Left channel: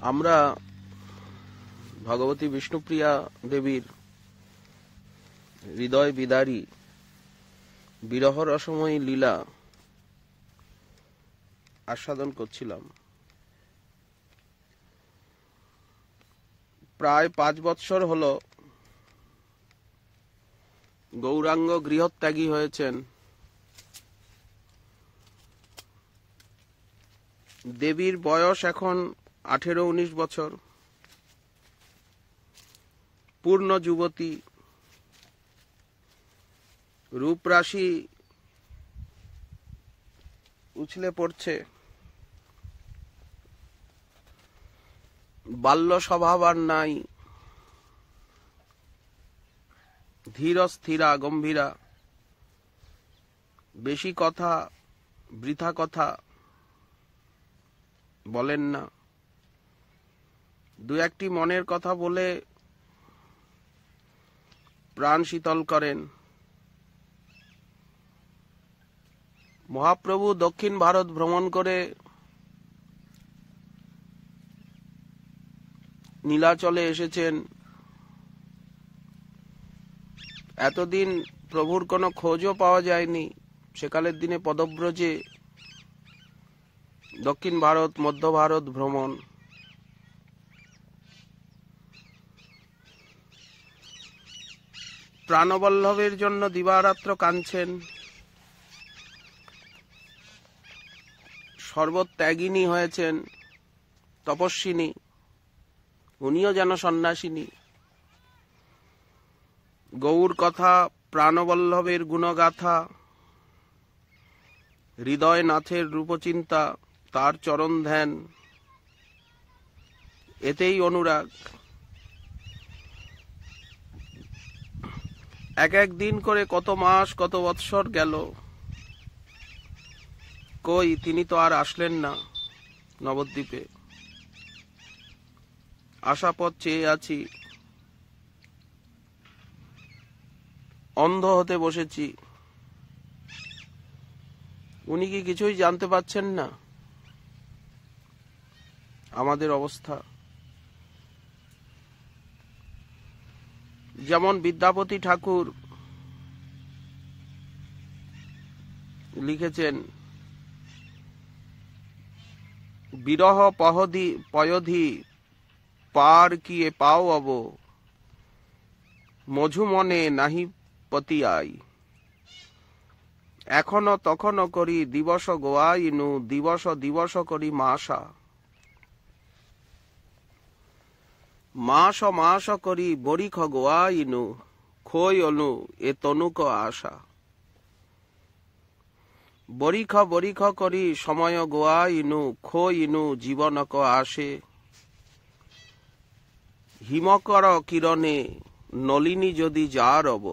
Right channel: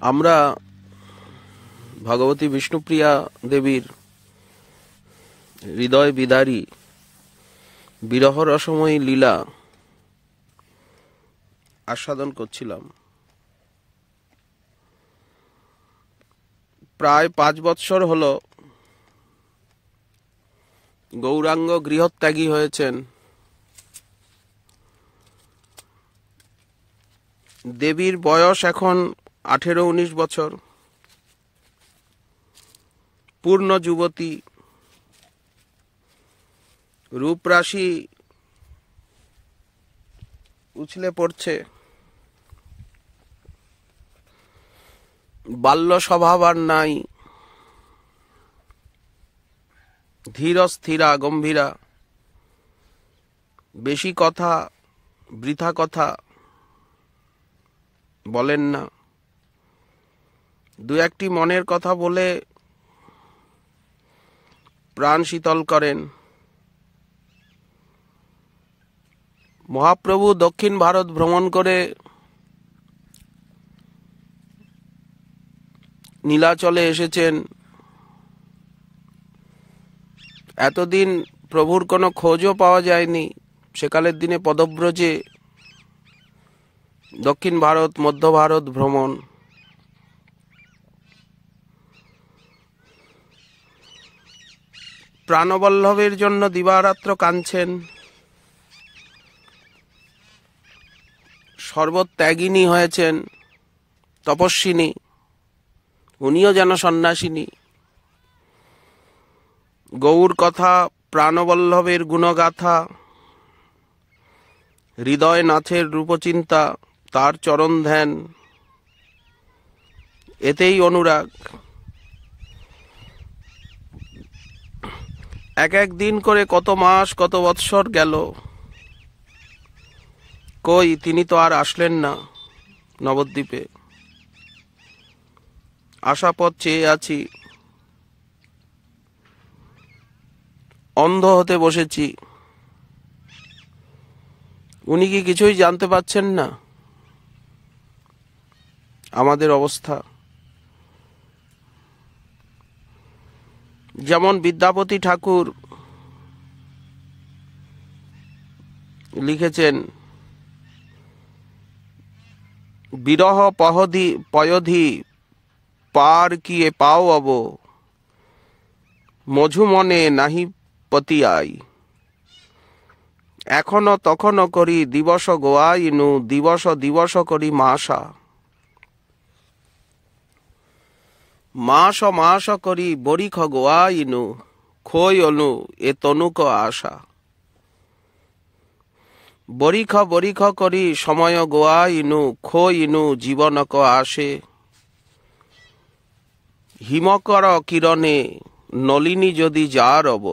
আমরা ভগবতী বিষ্ণুপ্রিয়া দেবীর হৃদয় বিদারী বিরহ রসময়ী লীলা আস্বাদন করছিলাম। প্রায় 5 বৎসর হল গৌরাঙ্গ গৃহত্যাগী হয়েছেন। দেবীর বয়স এখন 18-19 বছর। পূর্ণ যুবতী, রূপরাশি উছলে পড়ছে। বাল্য স্বভাব আর নাই। ধীর স্থিরা গম্ভীরা, বেশি কথা, বৃথা কথা বলেন না। দু একটি মনের কথা বলে প্রাণ শীতল করেন। মহাপ্রভু দক্ষিণ ভারত ভ্রমণ করে নীলাচলে এসেছেন। এতদিন প্রভুর কোনো খোঁজও পাওয়া যায়নি। সেকালের দিনে পদব্রজে দক্ষিণ ভারত, মধ্য ভারত ভ্রমণ। প্রাণবল্লভের জন্য দিবারাত্র কাঁদছেন। সর্বত্যাগিনী হয়েছেন, তপস্বিনী। উনিও যেন সন্ন্যাসিনী। গৌর কথা, প্রাণবল্লভের গুণগাথা, হৃদয় নাথের রূপচিন্তা, তার চরণ ধ্যান, এতেই অনুরাগ। এক এক দিন করে কত মাস, কত বৎসর গেল। কই, তিনি তো আর আসলেন না নবদ্বীপে। আশাপথ চেয়ে আছি, অন্ধ হতে বসেছি। উনি কি কিছুই জানতে পাচ্ছেন না আমাদের অবস্থা? যেমন বিদ্যাপতি ঠাকুর লিখেছেন, বিরহ পয়ধি পার কিয়ে পাও অব, মঝু মনে নাহি পতিয়াই। এখনো তখনো করি দিবস গোয়াইনু, দিবস দিবস করি মাসা। মাস মাস করি বরিখ গোয়াইনু, খই অনু এ তনুক আশা। বরিখ বরিখ করি সময় গোয়াইনু, খইনু জীবনক আসে। হিমকর কিরণে নলিনী যদি যা রব,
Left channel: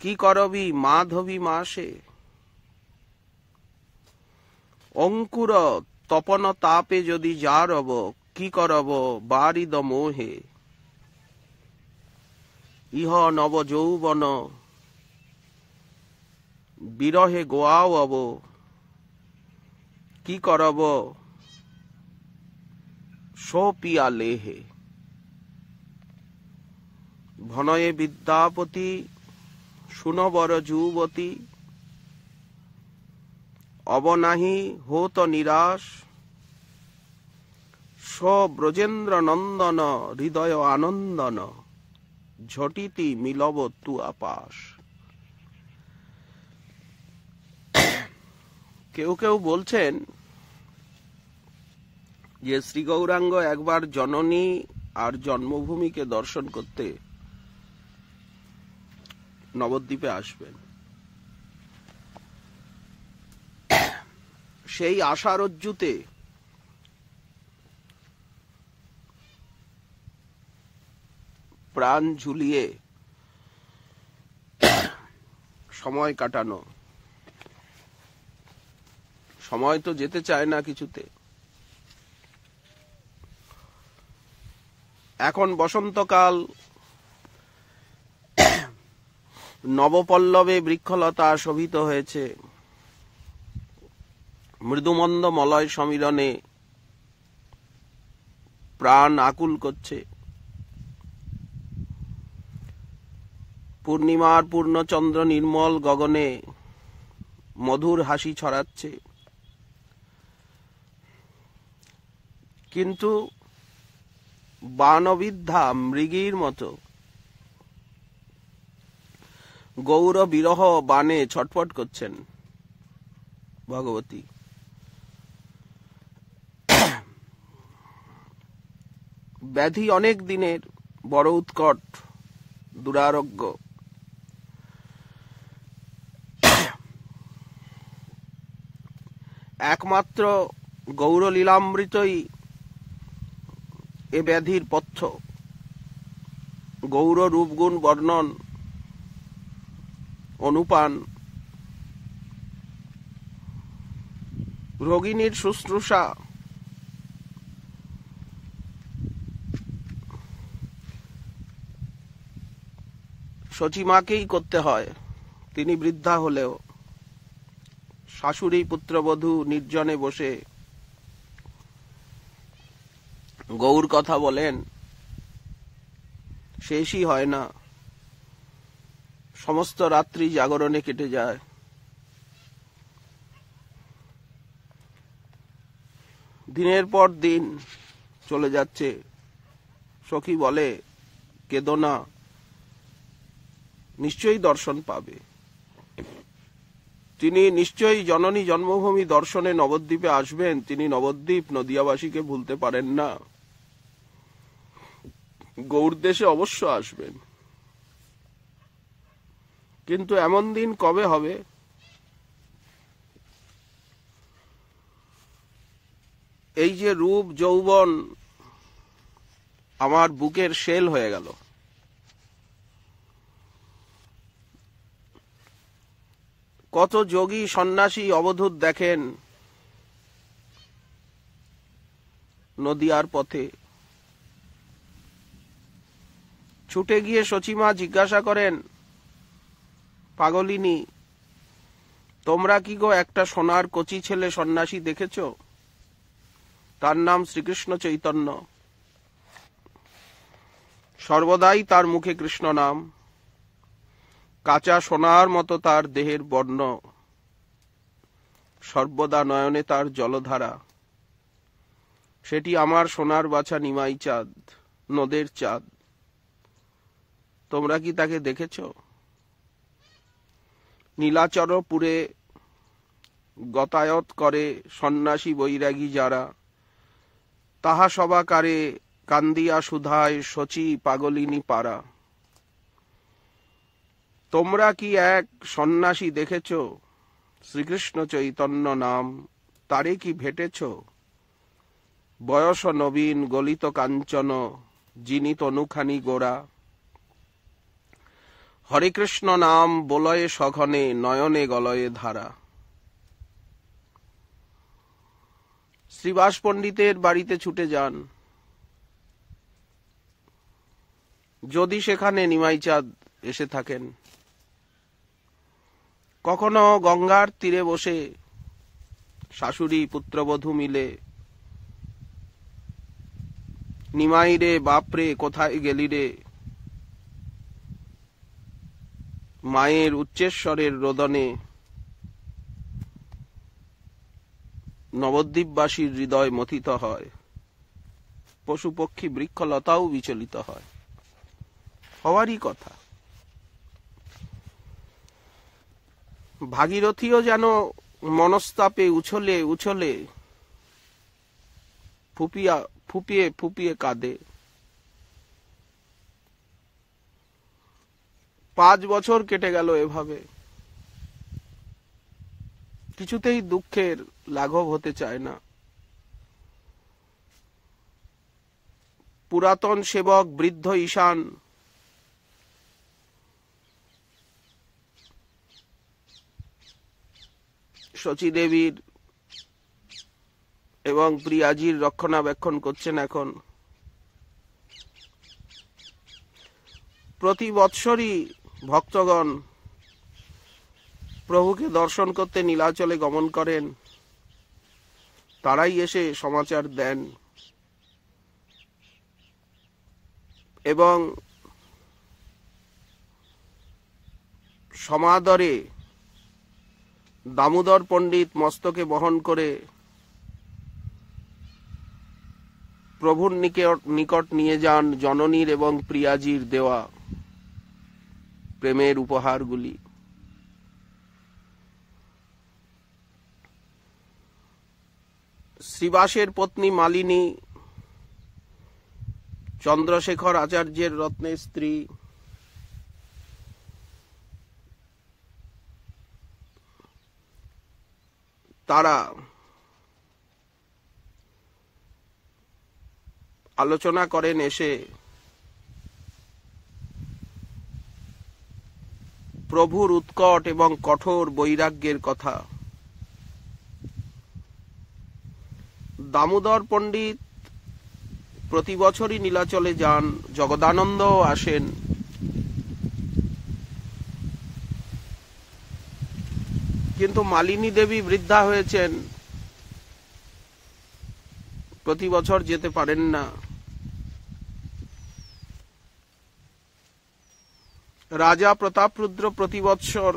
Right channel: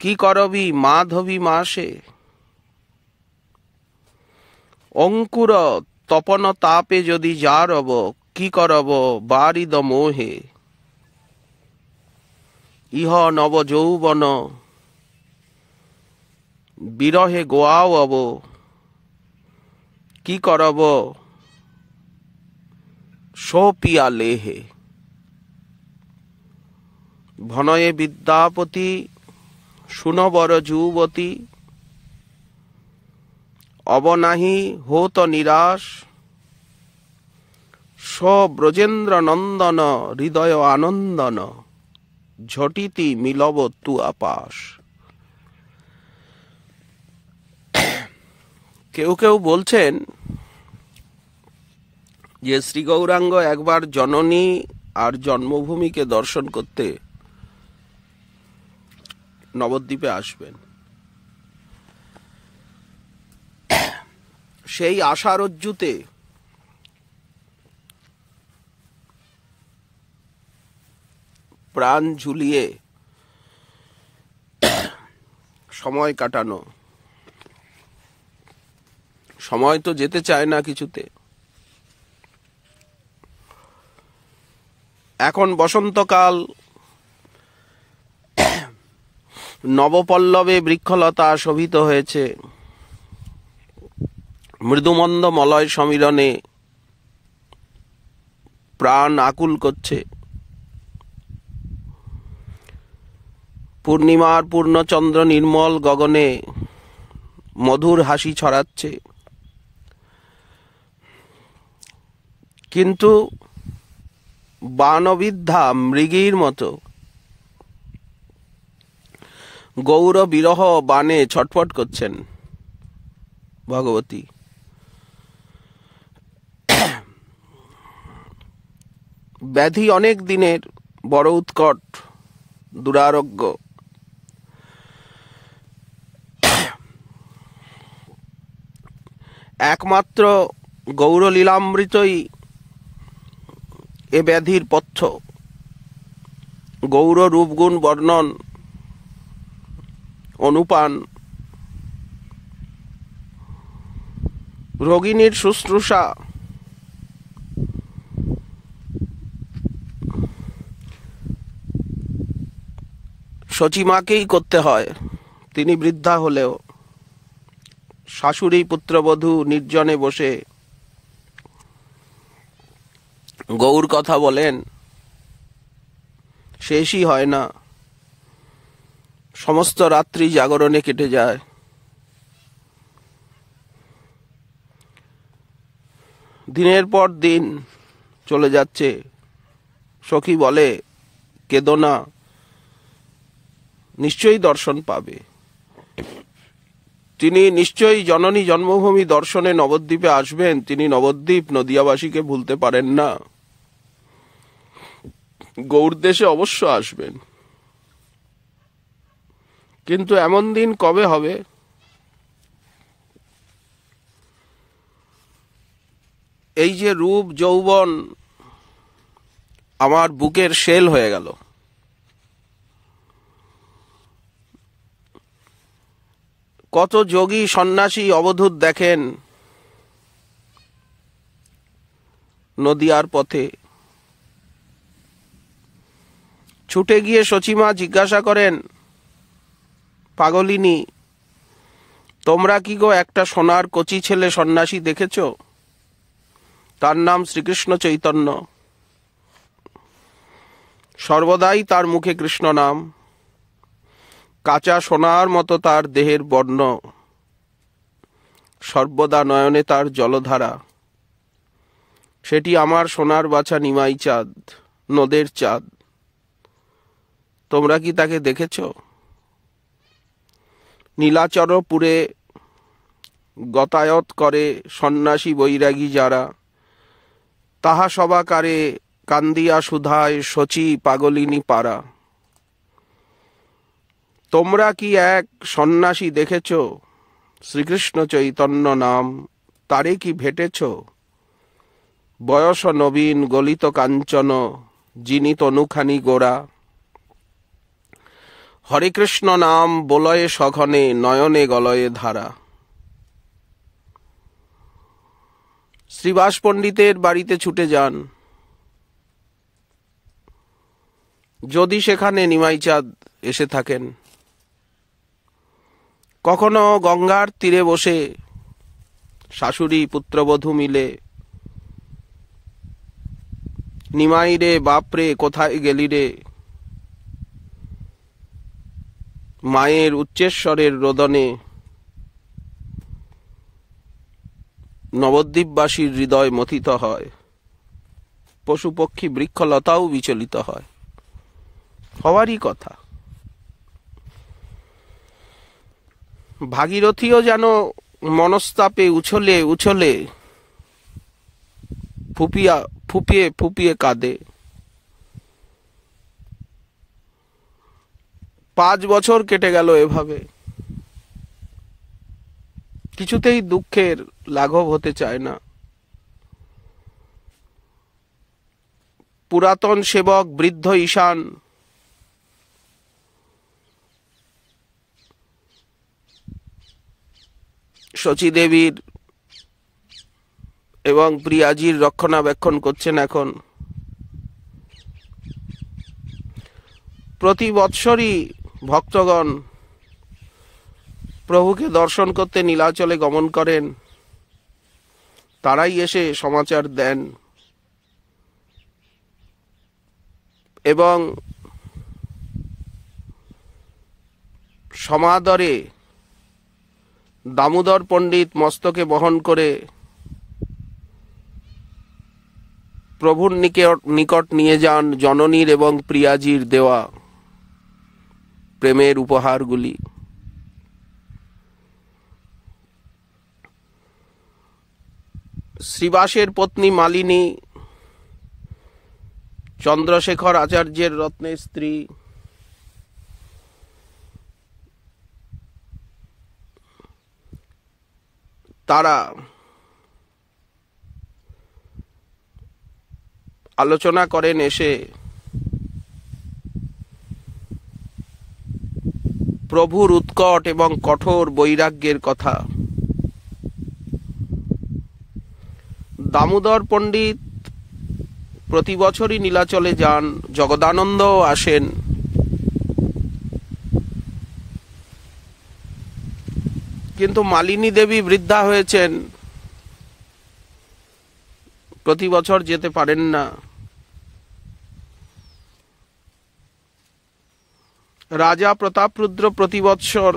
কি করবি মাধবী মাসে। অঙ্কুর তপন তাপে যদি যা রব, কি করব বারিদ মোহে। ইহ নব যৌবন বিরহে গোয়াও অব, কি করব সোপিয়া লেহে। ভনয়ে বিদ্যাপতি সুনবর যুবতী, অবনাহি হোত নিরাশ। ব্রজেন্দ্র নন্দন হৃদয় আনন্দন, ঝটিতি মিলব তু আপাস। কেউ কেউ বলছেন যে শ্রী গৌরাঙ্গ একবার জননী আর জন্মভূমিকে দর্শন করতে নবদ্বীপে আসবেন। সেই আশারজ্জুতে প্রাণ ঝুলিয়ে সময় কাটানো। সময় তো যেতে চায় না কিছুতে। এখন বসন্তকাল, নবপল্লবে বৃক্ষলতা শোভিত হয়েছে। মৃদুমন্দ মলয় সমীরণে প্রাণ আকুল করছে। পূর্ণিমার পূর্ণচন্দ্র নির্মল গগনে মধুর হাসি ছড়াচ্ছে, কিন্তু বানবিদ্ধা মৃগীর মতো গৌর বিরহ বানে ছটফট করছেন ভগবতী। ব্যাধি অনেক দিনের, বড় উৎকট, দুরারোগ্য। একমাত্র গৌরলীলামৃতই এ ব্যাধির পথ্য। গৌর রূপগুণ বর্ণন, অনুপান, রোগিণীর শুশ্রূষা, শচীমাকেই করতে হয়। তিনি বৃদ্ধা হলেও শাশুড়ি পুত্রবধূ নির্জনে বসে গৌর কথা বলেন, শেষই হয় না। সমস্ত রাত্রি জাগরণে কেটে যায়। দিনের পর দিন চলে যাচ্ছে। সখী বলে, কেঁদো না, নিশ্চয়ই দর্শন পাবে। তিনি নিশ্চয়ই জননী জন্মভূমি দর্শনে নবদ্বীপে আসবেন। তিনি নবদ্বীপ নদিয়াবাসীকে ভুলতে পারেন না। গৌড়দেশে অবশ্য আসবেন, কিন্তু এমন দিন কবে হবে? এই যে রূপ যৌবন আমার বুকের শেল হয়ে গেল। কত যোগী সন্ন্যাসী অবধূত দেখেন নদিয়ার পথে। ছুটে গিয়ে শচীমা জিজ্ঞাসা করেন, পাগলিনী, তোমরা কি গো একটা সোনার কচি ছেলে সন্ন্যাসী দেখেছ? তার নাম শ্রীকৃষ্ণ চৈতন্য। সর্বদাই তার মুখে কৃষ্ণ নাম। কাঁচা সোনার মতো তার দেহের বর্ণ, সর্বদা নয়নে তার জলধারা। সেটি আমার সোনার বাছা নিমাই চাঁদ, নদের চাঁদ। তোমরা কি তাকে দেখেছ? নীলাচরপুরে গতায়ত করে সন্ন্যাসী বৈরাগী যারা, তাহা সবাকারে কান্দিয়া সুধায় শচী পাগলিনী পারা। তোমরা কি এক সন্ন্যাসী দেখেছ? শ্রীকৃষ্ণ চৈতন্য নাম, তারে কি ভেটেছ? বয়স নবীন গলিত কাঞ্চন, যিনি তনুখানি গোরা। হরে কৃষ্ণ নাম বলয়ে সঘনে, নয়নে গলয়ে ধারা। শ্রীবাস পণ্ডিতের বাড়িতে ছুটে যান। যদি সেখানে নিমাই চাঁদ এসে থাকেন। কখনো গঙ্গার তীরে বসে শাশুড়ি পুত্রবধূ মিলে, নিমাই রে বাপরে কোথায় গেলি রে, মায়ের উচ্চেশ্বরের রোদনে নবদ্বীপবাসীর হৃদয় মথিত হয়। পশু পক্ষী বৃক্ষলতাও বিচলিত হয়। হওয়ারই কথা। ভাগীরথীও যেন মনস্তাপে উছলে উছলে ফুপিয়ে ফুপিয়ে কাঁদে। 5 বছর কেটে গেল এভাবে। কিছুতেই দুঃখের লাঘব হতে চায় না। পুরাতন সেবক বৃদ্ধ ঈশান শচীদেবীর এবং প্রিয়াজির রক্ষণাবেক্ষণ করছেন এখন। প্রতি বৎসরই ভক্তগণ প্রভুকে দর্শন করতে নীলাচলে গমন করেন। তারাই এসে সমাচার দেন, এবং সমাদরে দামোদর পণ্ডিত মস্তকে বহন করে প্রভুর নিকট নিয়ে যান জননীর এবং প্রিয়াজির দেওয়া প্রেমের উপহারগুলি। শ্রীবাসের পত্নী মালিনী চন্দ্রশেখর আচার্যের রত্নের স্ত্রী, তারা আলোচনা করেন এসে প্রভুর উৎকট এবং কঠোর বৈরাগ্যের কথা। দামোদর পণ্ডিত প্রতি বছরই নীলাচলে যান, জগদানন্দও আসেন, কিন্তু মালিনী দেবী বৃদ্ধা হয়েছেন, প্রতি বছর যেতে পারেন না। রাজা প্রতাপরুদ্র প্রতি বৎসর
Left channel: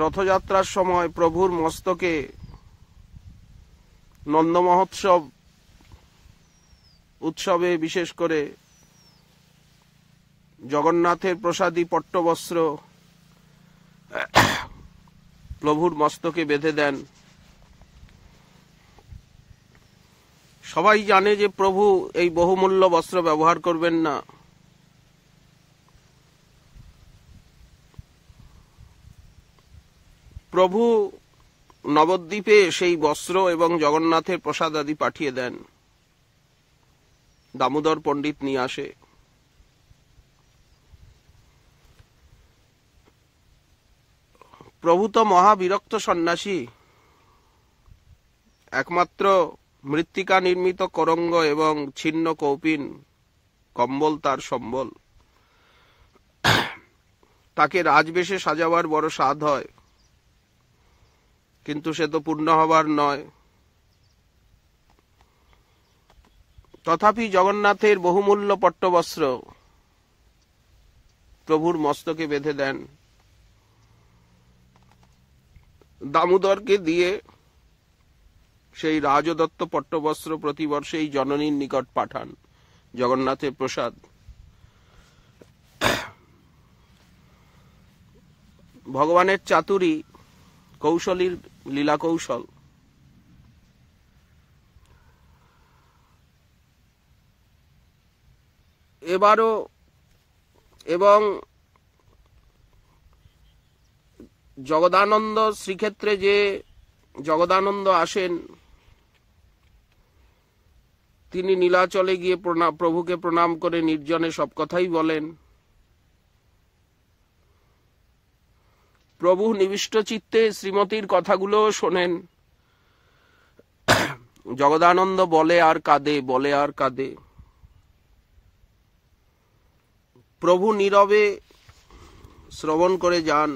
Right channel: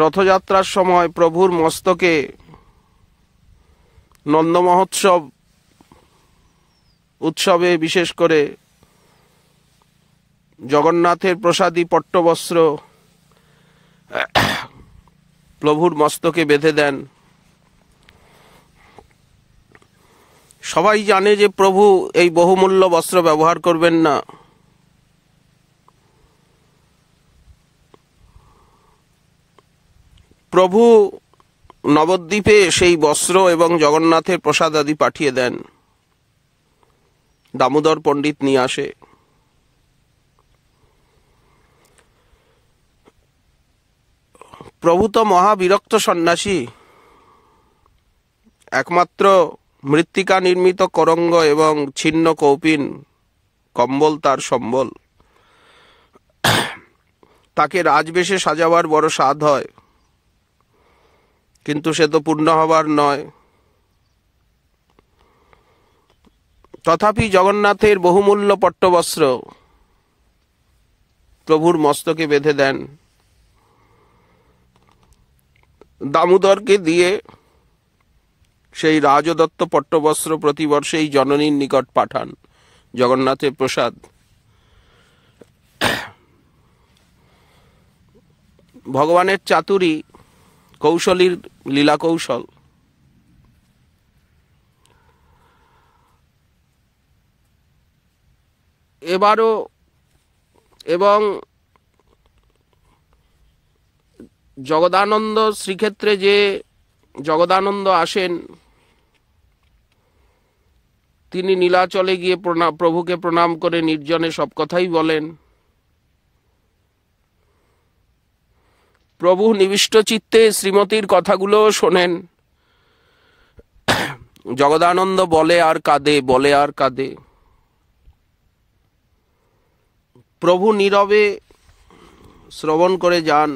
রথযাত্রার সময় প্রভুর মস্তকে নন্দ মহোৎসব উৎসবে বিশেষ করে জগন্নাথের প্রসাদী পট্টবস্ত্র প্রভুর মস্তকে বেঁধে দেন। সবাই জানে যে প্রভু এই বহুমূল্য বস্ত্র ব্যবহার করবেন না। প্রভু নবদ্বীপে সেই বস্ত্র এবং জগন্নাথের প্রসাদ আদি পাঠিয়ে দেন, দামোদর পণ্ডিত নিয়ে আসে। প্রভু তো মহাবিরক্ত সন্ন্যাসী, একমাত্র মৃত্তিকা নির্মিত করঙ্গ এবং ছিন্ন কৌপিন কম্বল তার সম্বল। তাকে রাজবেশে সাজাবার বড় স্বাদ হয়, কিন্তু সে তো পূর্ণ হবার নয়। তথাপি জগন্নাথের বহুমূল্য পট্টবস্ত্র প্রভুর মস্তকে বেঁধে দেন, দামোদরকে দিয়ে সেই রাজদত্ত পট্টবস্ত্র প্রতিবর্ষেই জননীর নিকট পাঠান জগন্নাথের প্রসাদ। ভগবানের চাতুরী, কৌশলীর লীলা কৌশল। এবারও এবং জগদানন্দ শ্রীক্ষেত্রে যে জগদানন্দ আসেন, তিনি নীলাচলে গিয়ে প্রভুকে প্রণাম করে নির্জনে সব কথাই বলেন। প্রভু নিবিষ্ট চিত্তে শ্রীমতীর কথাগুলো শোনেন। জগদানন্দ বলে আর কাঁদে, বলে আর কাঁদে। প্রভু নীরবে শ্রবণ করে যান।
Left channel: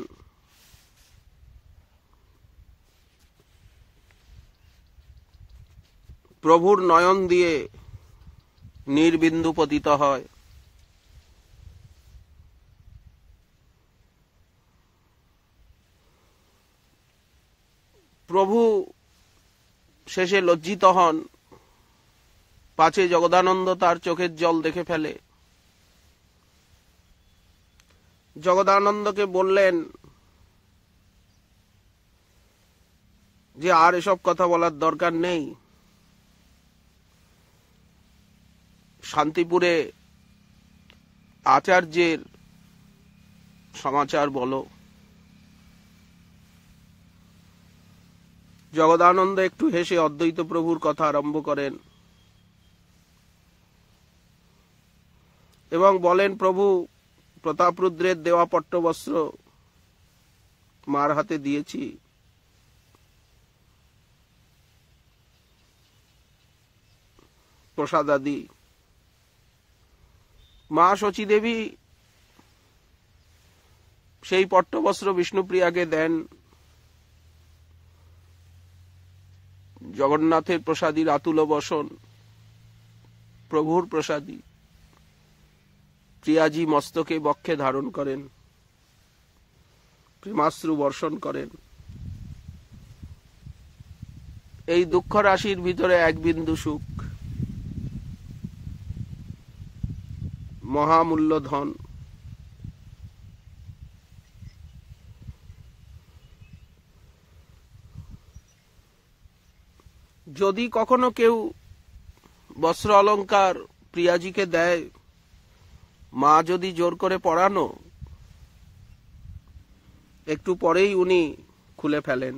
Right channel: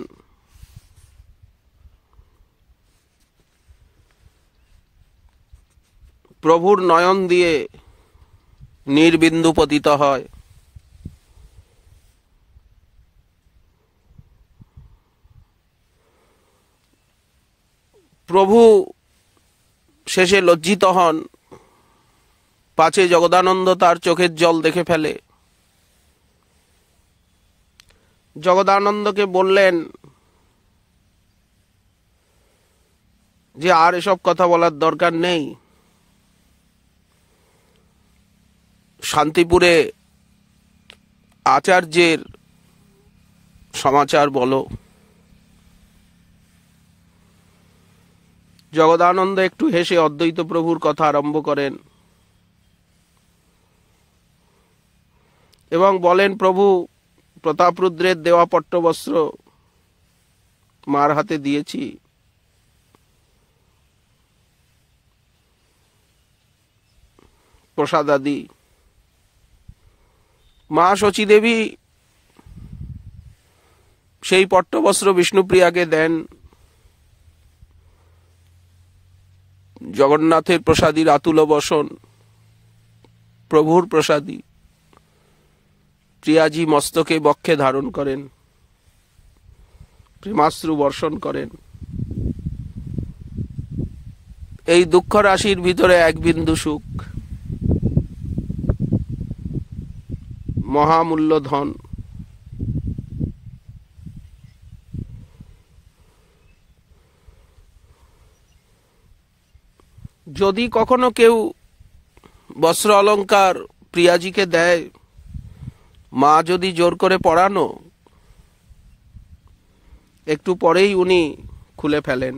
প্রভুর নয়ন দিয়ে নির্বিন্দু পতিত হয়। প্রভু শেষে লজ্জিত হন, পাছে জগদানন্দ তার চোখের জল দেখে ফেলে। জগদানন্দকে বললেন যে আর এসব কথা বলার দরকার নেই, শান্তিপুরে আচার্যের সমাচার বলো। জগদানন্দ একটু হেসে অদ্বৈত প্রভুর কথা আরম্ভ করেন এবং বলেন, প্রভু প্রতাপরুদ্রের দেওয়া পট্টবস্ত্র মার হাতে দিয়েছি, প্রসাদ আদি। মা শচী দেবী সেই পট্টবস্ত্র বিষ্ণুপ্রিয়াকে দেন। জগন্নাথের প্রসাদীর আতুল বসন প্রভুর প্রসাদী। প্রিয়াজি মস্তকে বক্ষে ধারণ করেন, প্রেমাশ্রু বর্ষণ করেন। এই দুঃখ রাশির ভিতরে এক বিন্দু সুখ, মহামূল্য ধন। যদি কখনো কেউ বস্ত্র অলঙ্কার প্রিয়াজিকে দেয়, মা যদি জোর করে পরানো, একটু পরেই উনি খুলে ফেলেন।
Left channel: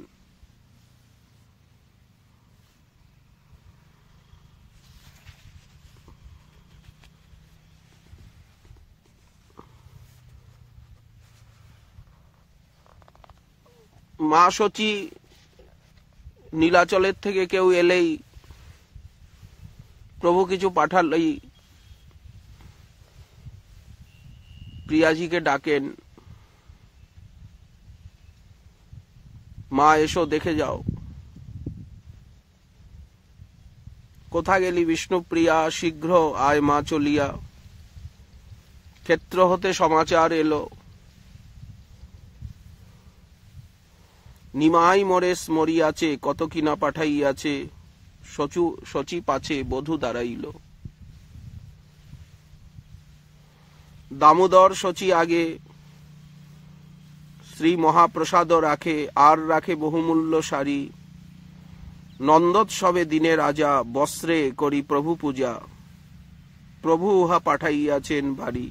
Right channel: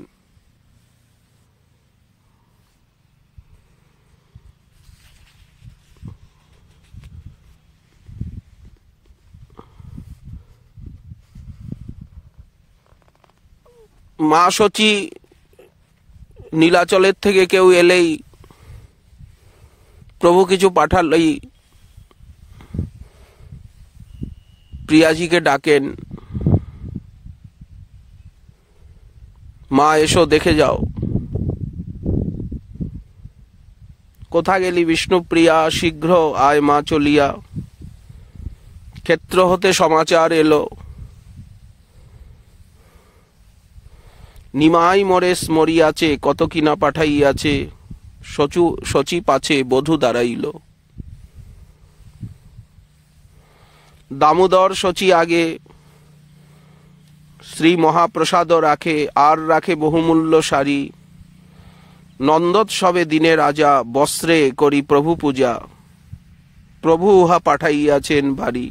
মা শচী নীলাচলের থেকে কেউ এলেই, প্রভু কিছু পাঠালেই প্রিয়াজিকে ডাকেন, মা এসো দেখে যাও। কোথা গেলি বিষ্ণুপ্রিয়া, শীঘ্র আয় মা চলিয়া। ক্ষেত্র হতে সমাচার এলো, নিমাই মরেশ মরিয়াছে, কত কিনা পাঠাইয়াছে। শচী পাছে বধূ দাঁড়াইল। দামোদর শচী আগে শ্রী মহাপ্রসাদ রাখে, আর রাখে বহুমূল্য শাড়ি। নন্দোৎসবে দিনে রাজা, বস্ত্রে করি প্রভু পূজা। প্রভু উহা পাঠাইয়াছেন বাড়ি।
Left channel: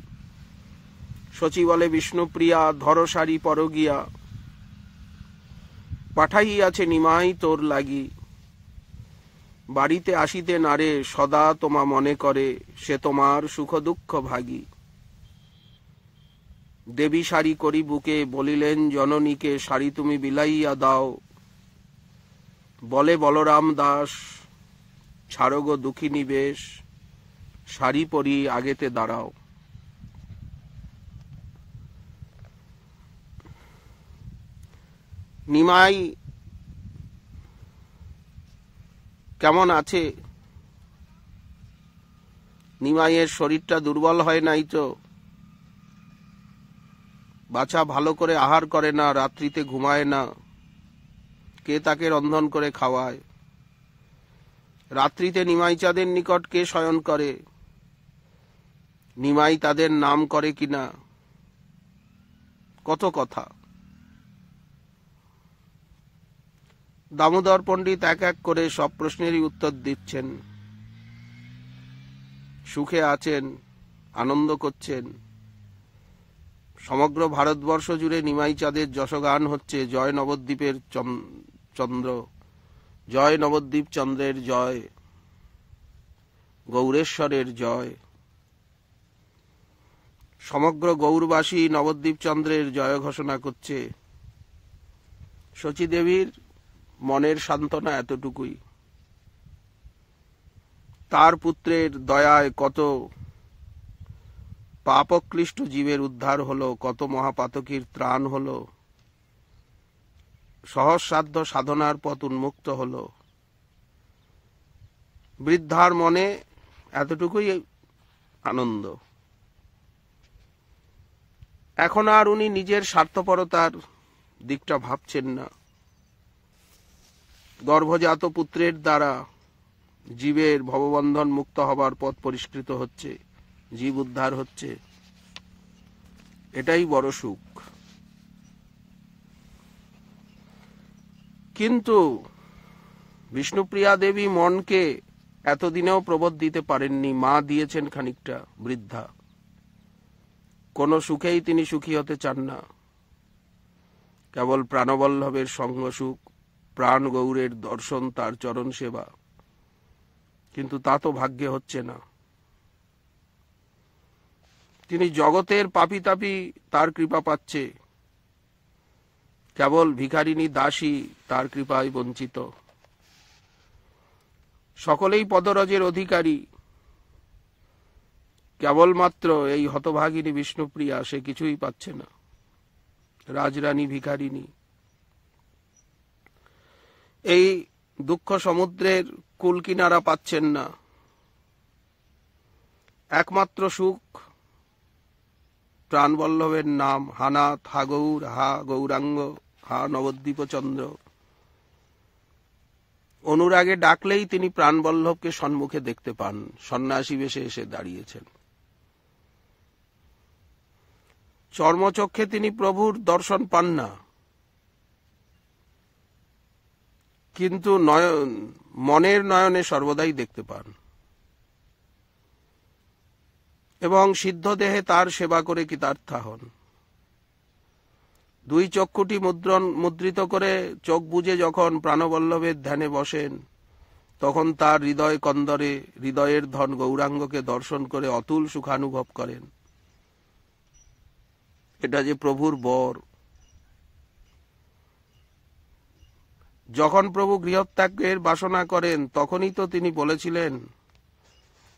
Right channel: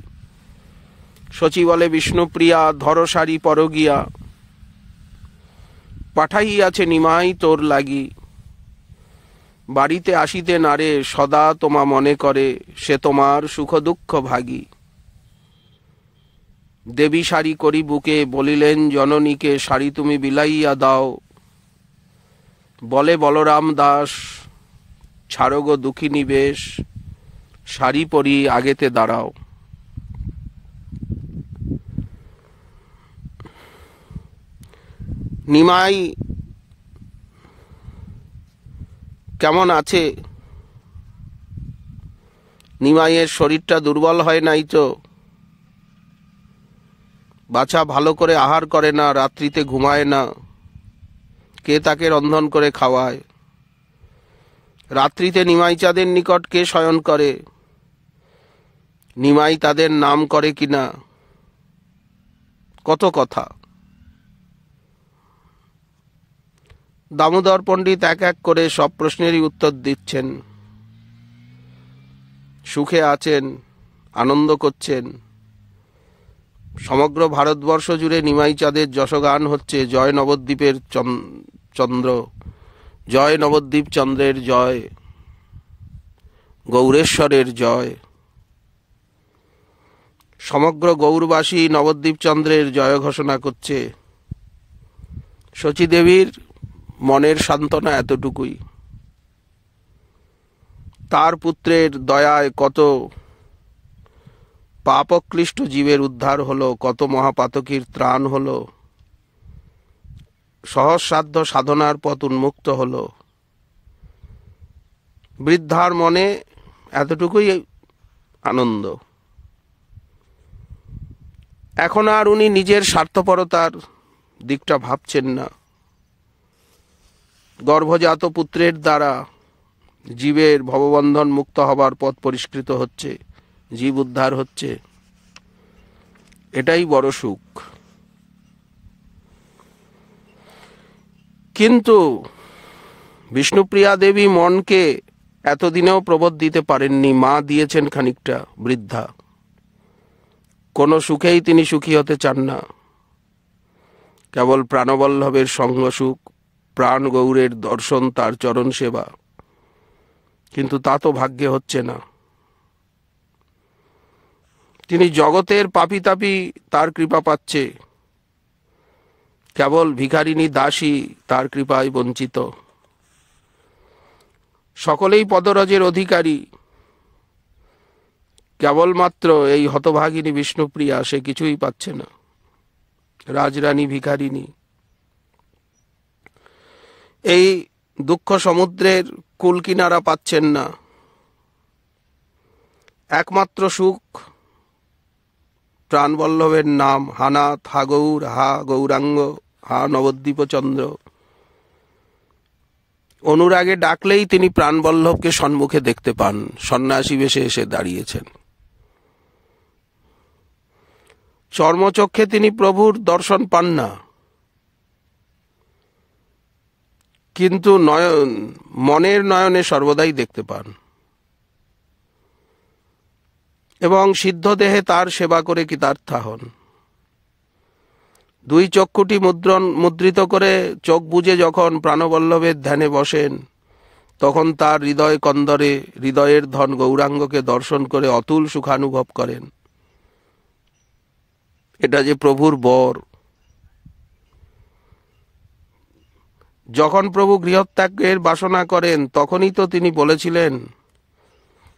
শচী বলে বিষ্ণুপ্রিয়া, ধর শাড়ি পর গিয়া। পাঠাইয়াছে নিমাই তোর লাগি। বাড়িতে আসিতে নারে, সদা তোমা মনে করে। সে তোমার সুখ দুঃখ ভাগী। দেবী শাড়ি করি বুকে, বলিলেন জননীকে, শাড়ি তুমি বিলাইয়া দাও। বলে বলরাম দাস, ছাড়ো গো দুঃখিনী বেশ। শাড়ি পরি আগেতে দাঁড়াও। নিমাই কেমন আছে? নিমাইয়ের শরীরটা দুর্বল হয় নাই তো? বাছা ভালো করে আহার করে না, রাত্রিতে ঘুমায় না। কে তাকে রন্ধন করে খাওয়ায়? রাত্রিতে নিমাই চাঁদের নিকট কে শয়ন করে? নিমাই তাদের নাম করে কিনা? কত কথা। দামোদর পণ্ডিত এক এক করে সব প্রশ্নেরই উত্তর দিচ্ছেন। সুখে আছেন, আনন্দ করছেন। সমগ্র ভারতবর্ষ জুড়ে নিমাই চাঁদের যশগান হচ্ছে। জয় নবদ্বীপের চন্দ্র, জয় নবদ্বীপ চন্দ্রের জয়, গৌরেশ্বরের জয়। সমগ্র গৌরবাসী নবদ্বীপ চন্দ্রের জয় ঘোষণা করছে। শচী দেবীর মনের সান্ত্বনা এতটুকুই। তার পুত্রের দয়ায় কত পাপক্লিষ্ট জীবের উদ্ধার হলো, কত মহাপাতকীর ত্রাণ হলো, সহস্রাধ্য সাধনার পথ উন্মুক্ত হলো। বৃদ্ধার মনে এতটুকুই আনন্দ। এখন আর উনি নিজের স্বার্থপরতার দিকটা ভাবছেন না। গর্ভজাত পুত্রের দ্বারা জীবের ভববন্ধন মুক্ত হবার পথ পরিষ্কৃত হচ্ছে, জীব উদ্ধার হচ্ছে। এটাই বড় সুখ। কিন্তু বিষ্ণুপ্রিয়া দেবী মনকে এতদিনেও প্রবোধ দিতে পারেননি। মা দিয়েছেন খানিকটা। বৃদ্ধা কোনো সুখেই তিনি সুখী হতে চান না। কেবল প্রাণবল্লভের সঙ্গ সুখ, প্রাণ গৌরের দর্শন, তার চরণ সেবা। কিন্তু তা তো ভাগ্যে হচ্ছে না। তিনি জগতের পাপী তাপী তার কৃপা পাচ্ছে, কেবল ভিখারিনী দাসী তার কৃপায় বঞ্চিত। সকলেই পদরজের অধিকারী, কেবলমাত্র এই হতভাগিনী বিষ্ণুপ্রিয়া সে কিছুই পাচ্ছে না। রাজরানী ভিখারিনী। এই দুঃখ সমুদ্রের কুল কিনারা পাচ্ছেন না। একমাত্র সুখ প্রাণবল্লভের নাম, হানাথ, হা গৌর, হা গৌরাঙ্গ, হা নবদ্বীপচন্দ্র। অনুরাগে ডাকলেই তিনি প্রাণবল্লভকে সম্মুখে দেখতে পান, সন্ন্যাসী বেশে এসে দাঁড়িয়েছেন। চর্মচক্ষে তিনি প্রভুর দর্শন পান না, কিন্তু মনের নয়নে সর্বদাই দেখতে পান এবং সিদ্ধ দেহে তার সেবা করে কৃতার্থা হন। দুই চক্ষুটি মুদ্রিত করে চোখ বুজে যখন প্রাণবল্লভের ধ্যানে বসেন, তখন তার হৃদয় কন্দরে হৃদয়ের ধন গৌরাঙ্গকে দর্শন করে অতুল সুখানুভব করেন। এটা যে প্রভুর বর। যখন প্রভু গৃহত্যাগের বাসনা করেন, তখনই তো তিনি বলেছিলেন,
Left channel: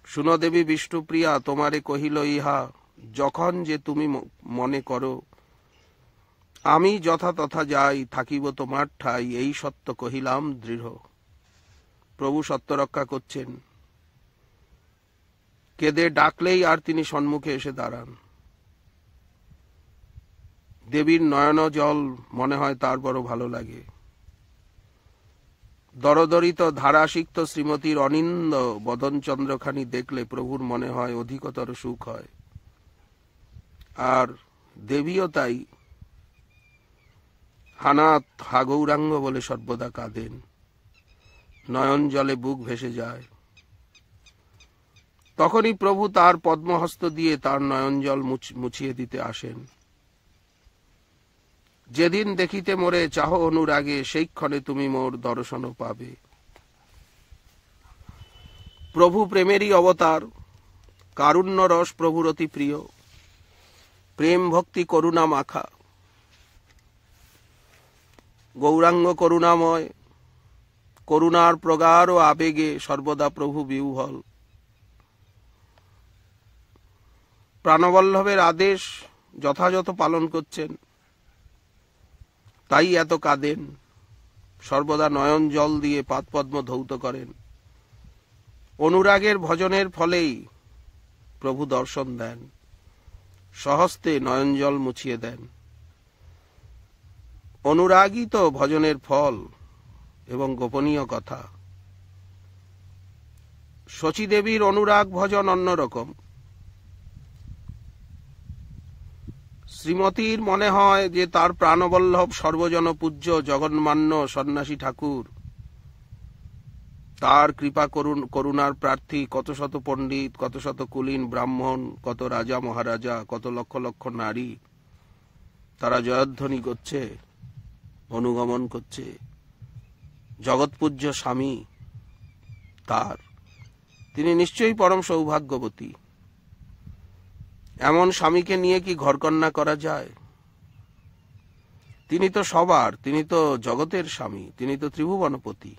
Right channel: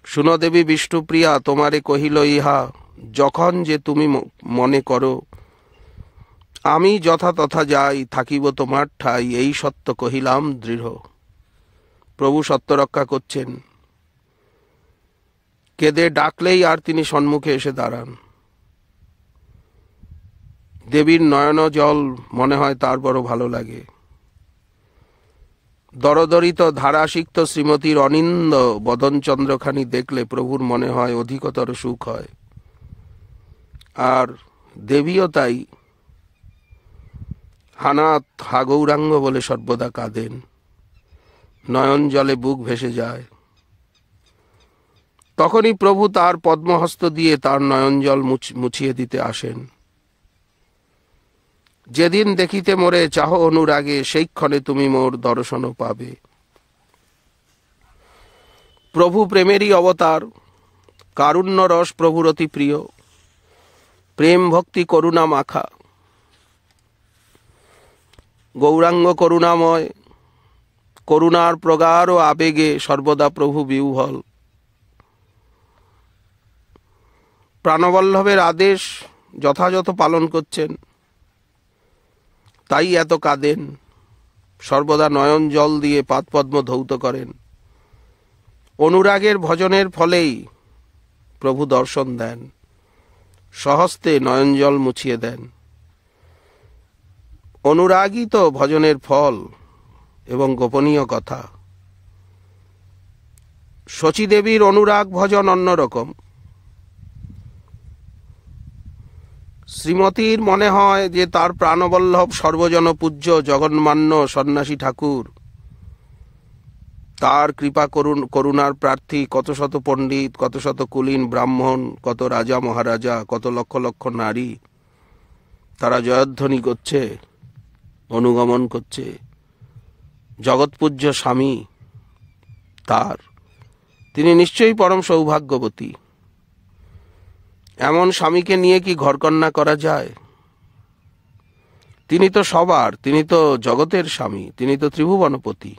শুনো দেবী বিষ্ণুপ্রিয়া, তোমারে কহিল ইহা, যখন যে তুমি মনে করো আমি যথা তথা যাই, থাকিব তোমার ঠাই, এই সত্য কহিলাম দৃঢ়। প্রভু সত্য রক্ষা করছেন। কেঁদে ডাকলেই আর তিনি সম্মুখে এসে দাঁড়ান। দেবীর নয়ন জল মনে হয় তার বড় ভালো লাগে। দরদরিত ধারাসিক্ত শ্রীমতীর অনিন্দ বদনচন্দ্রখানি দেখলে প্রভুর মনে হয় অধিকতর সুখ হয়। আর দেবীও তাই হানাথ, হা গৌরাঙ্গ বলে সর্বদা কাঁদেন, নয়ন জলে বুক ভেসে যায়। তখনই প্রভু তার পদ্মহস্ত দিয়ে তার নয়ন জল মুছিয়ে দিতে আসেন। যেদিন দেখিতে মোরে চাহ অনুরাগে, সেই ক্ষণে তুমি মোর দর্শন পাবে। প্রভু প্রেমেরই অবতার, কারুণ্য রস প্রভুর অতি প্রিয়, প্রেম ভক্তি করুণা মাখা। গৌরাঙ্গ করুণাময়, করুণার প্রগাঢ় আবেগে সর্বদা প্রভু বিহ্বল। প্রাণবল্লভের আদেশ যথাযথ পালন করছেন, তাই এত কাঁদেন, সর্বদা নয়ন জল দিয়ে পাদপদ্ম ধৌত করেন। অনুরাগের ভজনের ফলেই প্রভু দর্শন দেন, স্বহস্তে নয়ন জল মুছিয়ে দেন। অনুরাগই তো ভজনের ফল এবং গোপনীয় কথা। শচীদেবীর অনুরাগ ভজন অন্যরকম। শ্রীমতীর মনে হয় যে তার প্রাণবল্লভ সর্বজন পূজ্য জগন্মান্য সন্ন্যাসী ঠাকুর, তার কৃপা করুণার প্রার্থী কত শত পণ্ডিত, কত শত কুলীন ব্রাহ্মণ, কত রাজা মহারাজা, কত লক্ষ লক্ষ নারী, তারা জয়ধ্বনি করছে, অনুগমন করছে। জগৎপূজ্য স্বামী তার, তিনি নিশ্চয়ই পরম সৌভাগ্যবতী। এমন স্বামীকে নিয়ে কি ঘরকন্যা করা যায়? তিনি তো সবার, তিনি তো জগতের স্বামী, তিনি তো ত্রিভুবনপতি।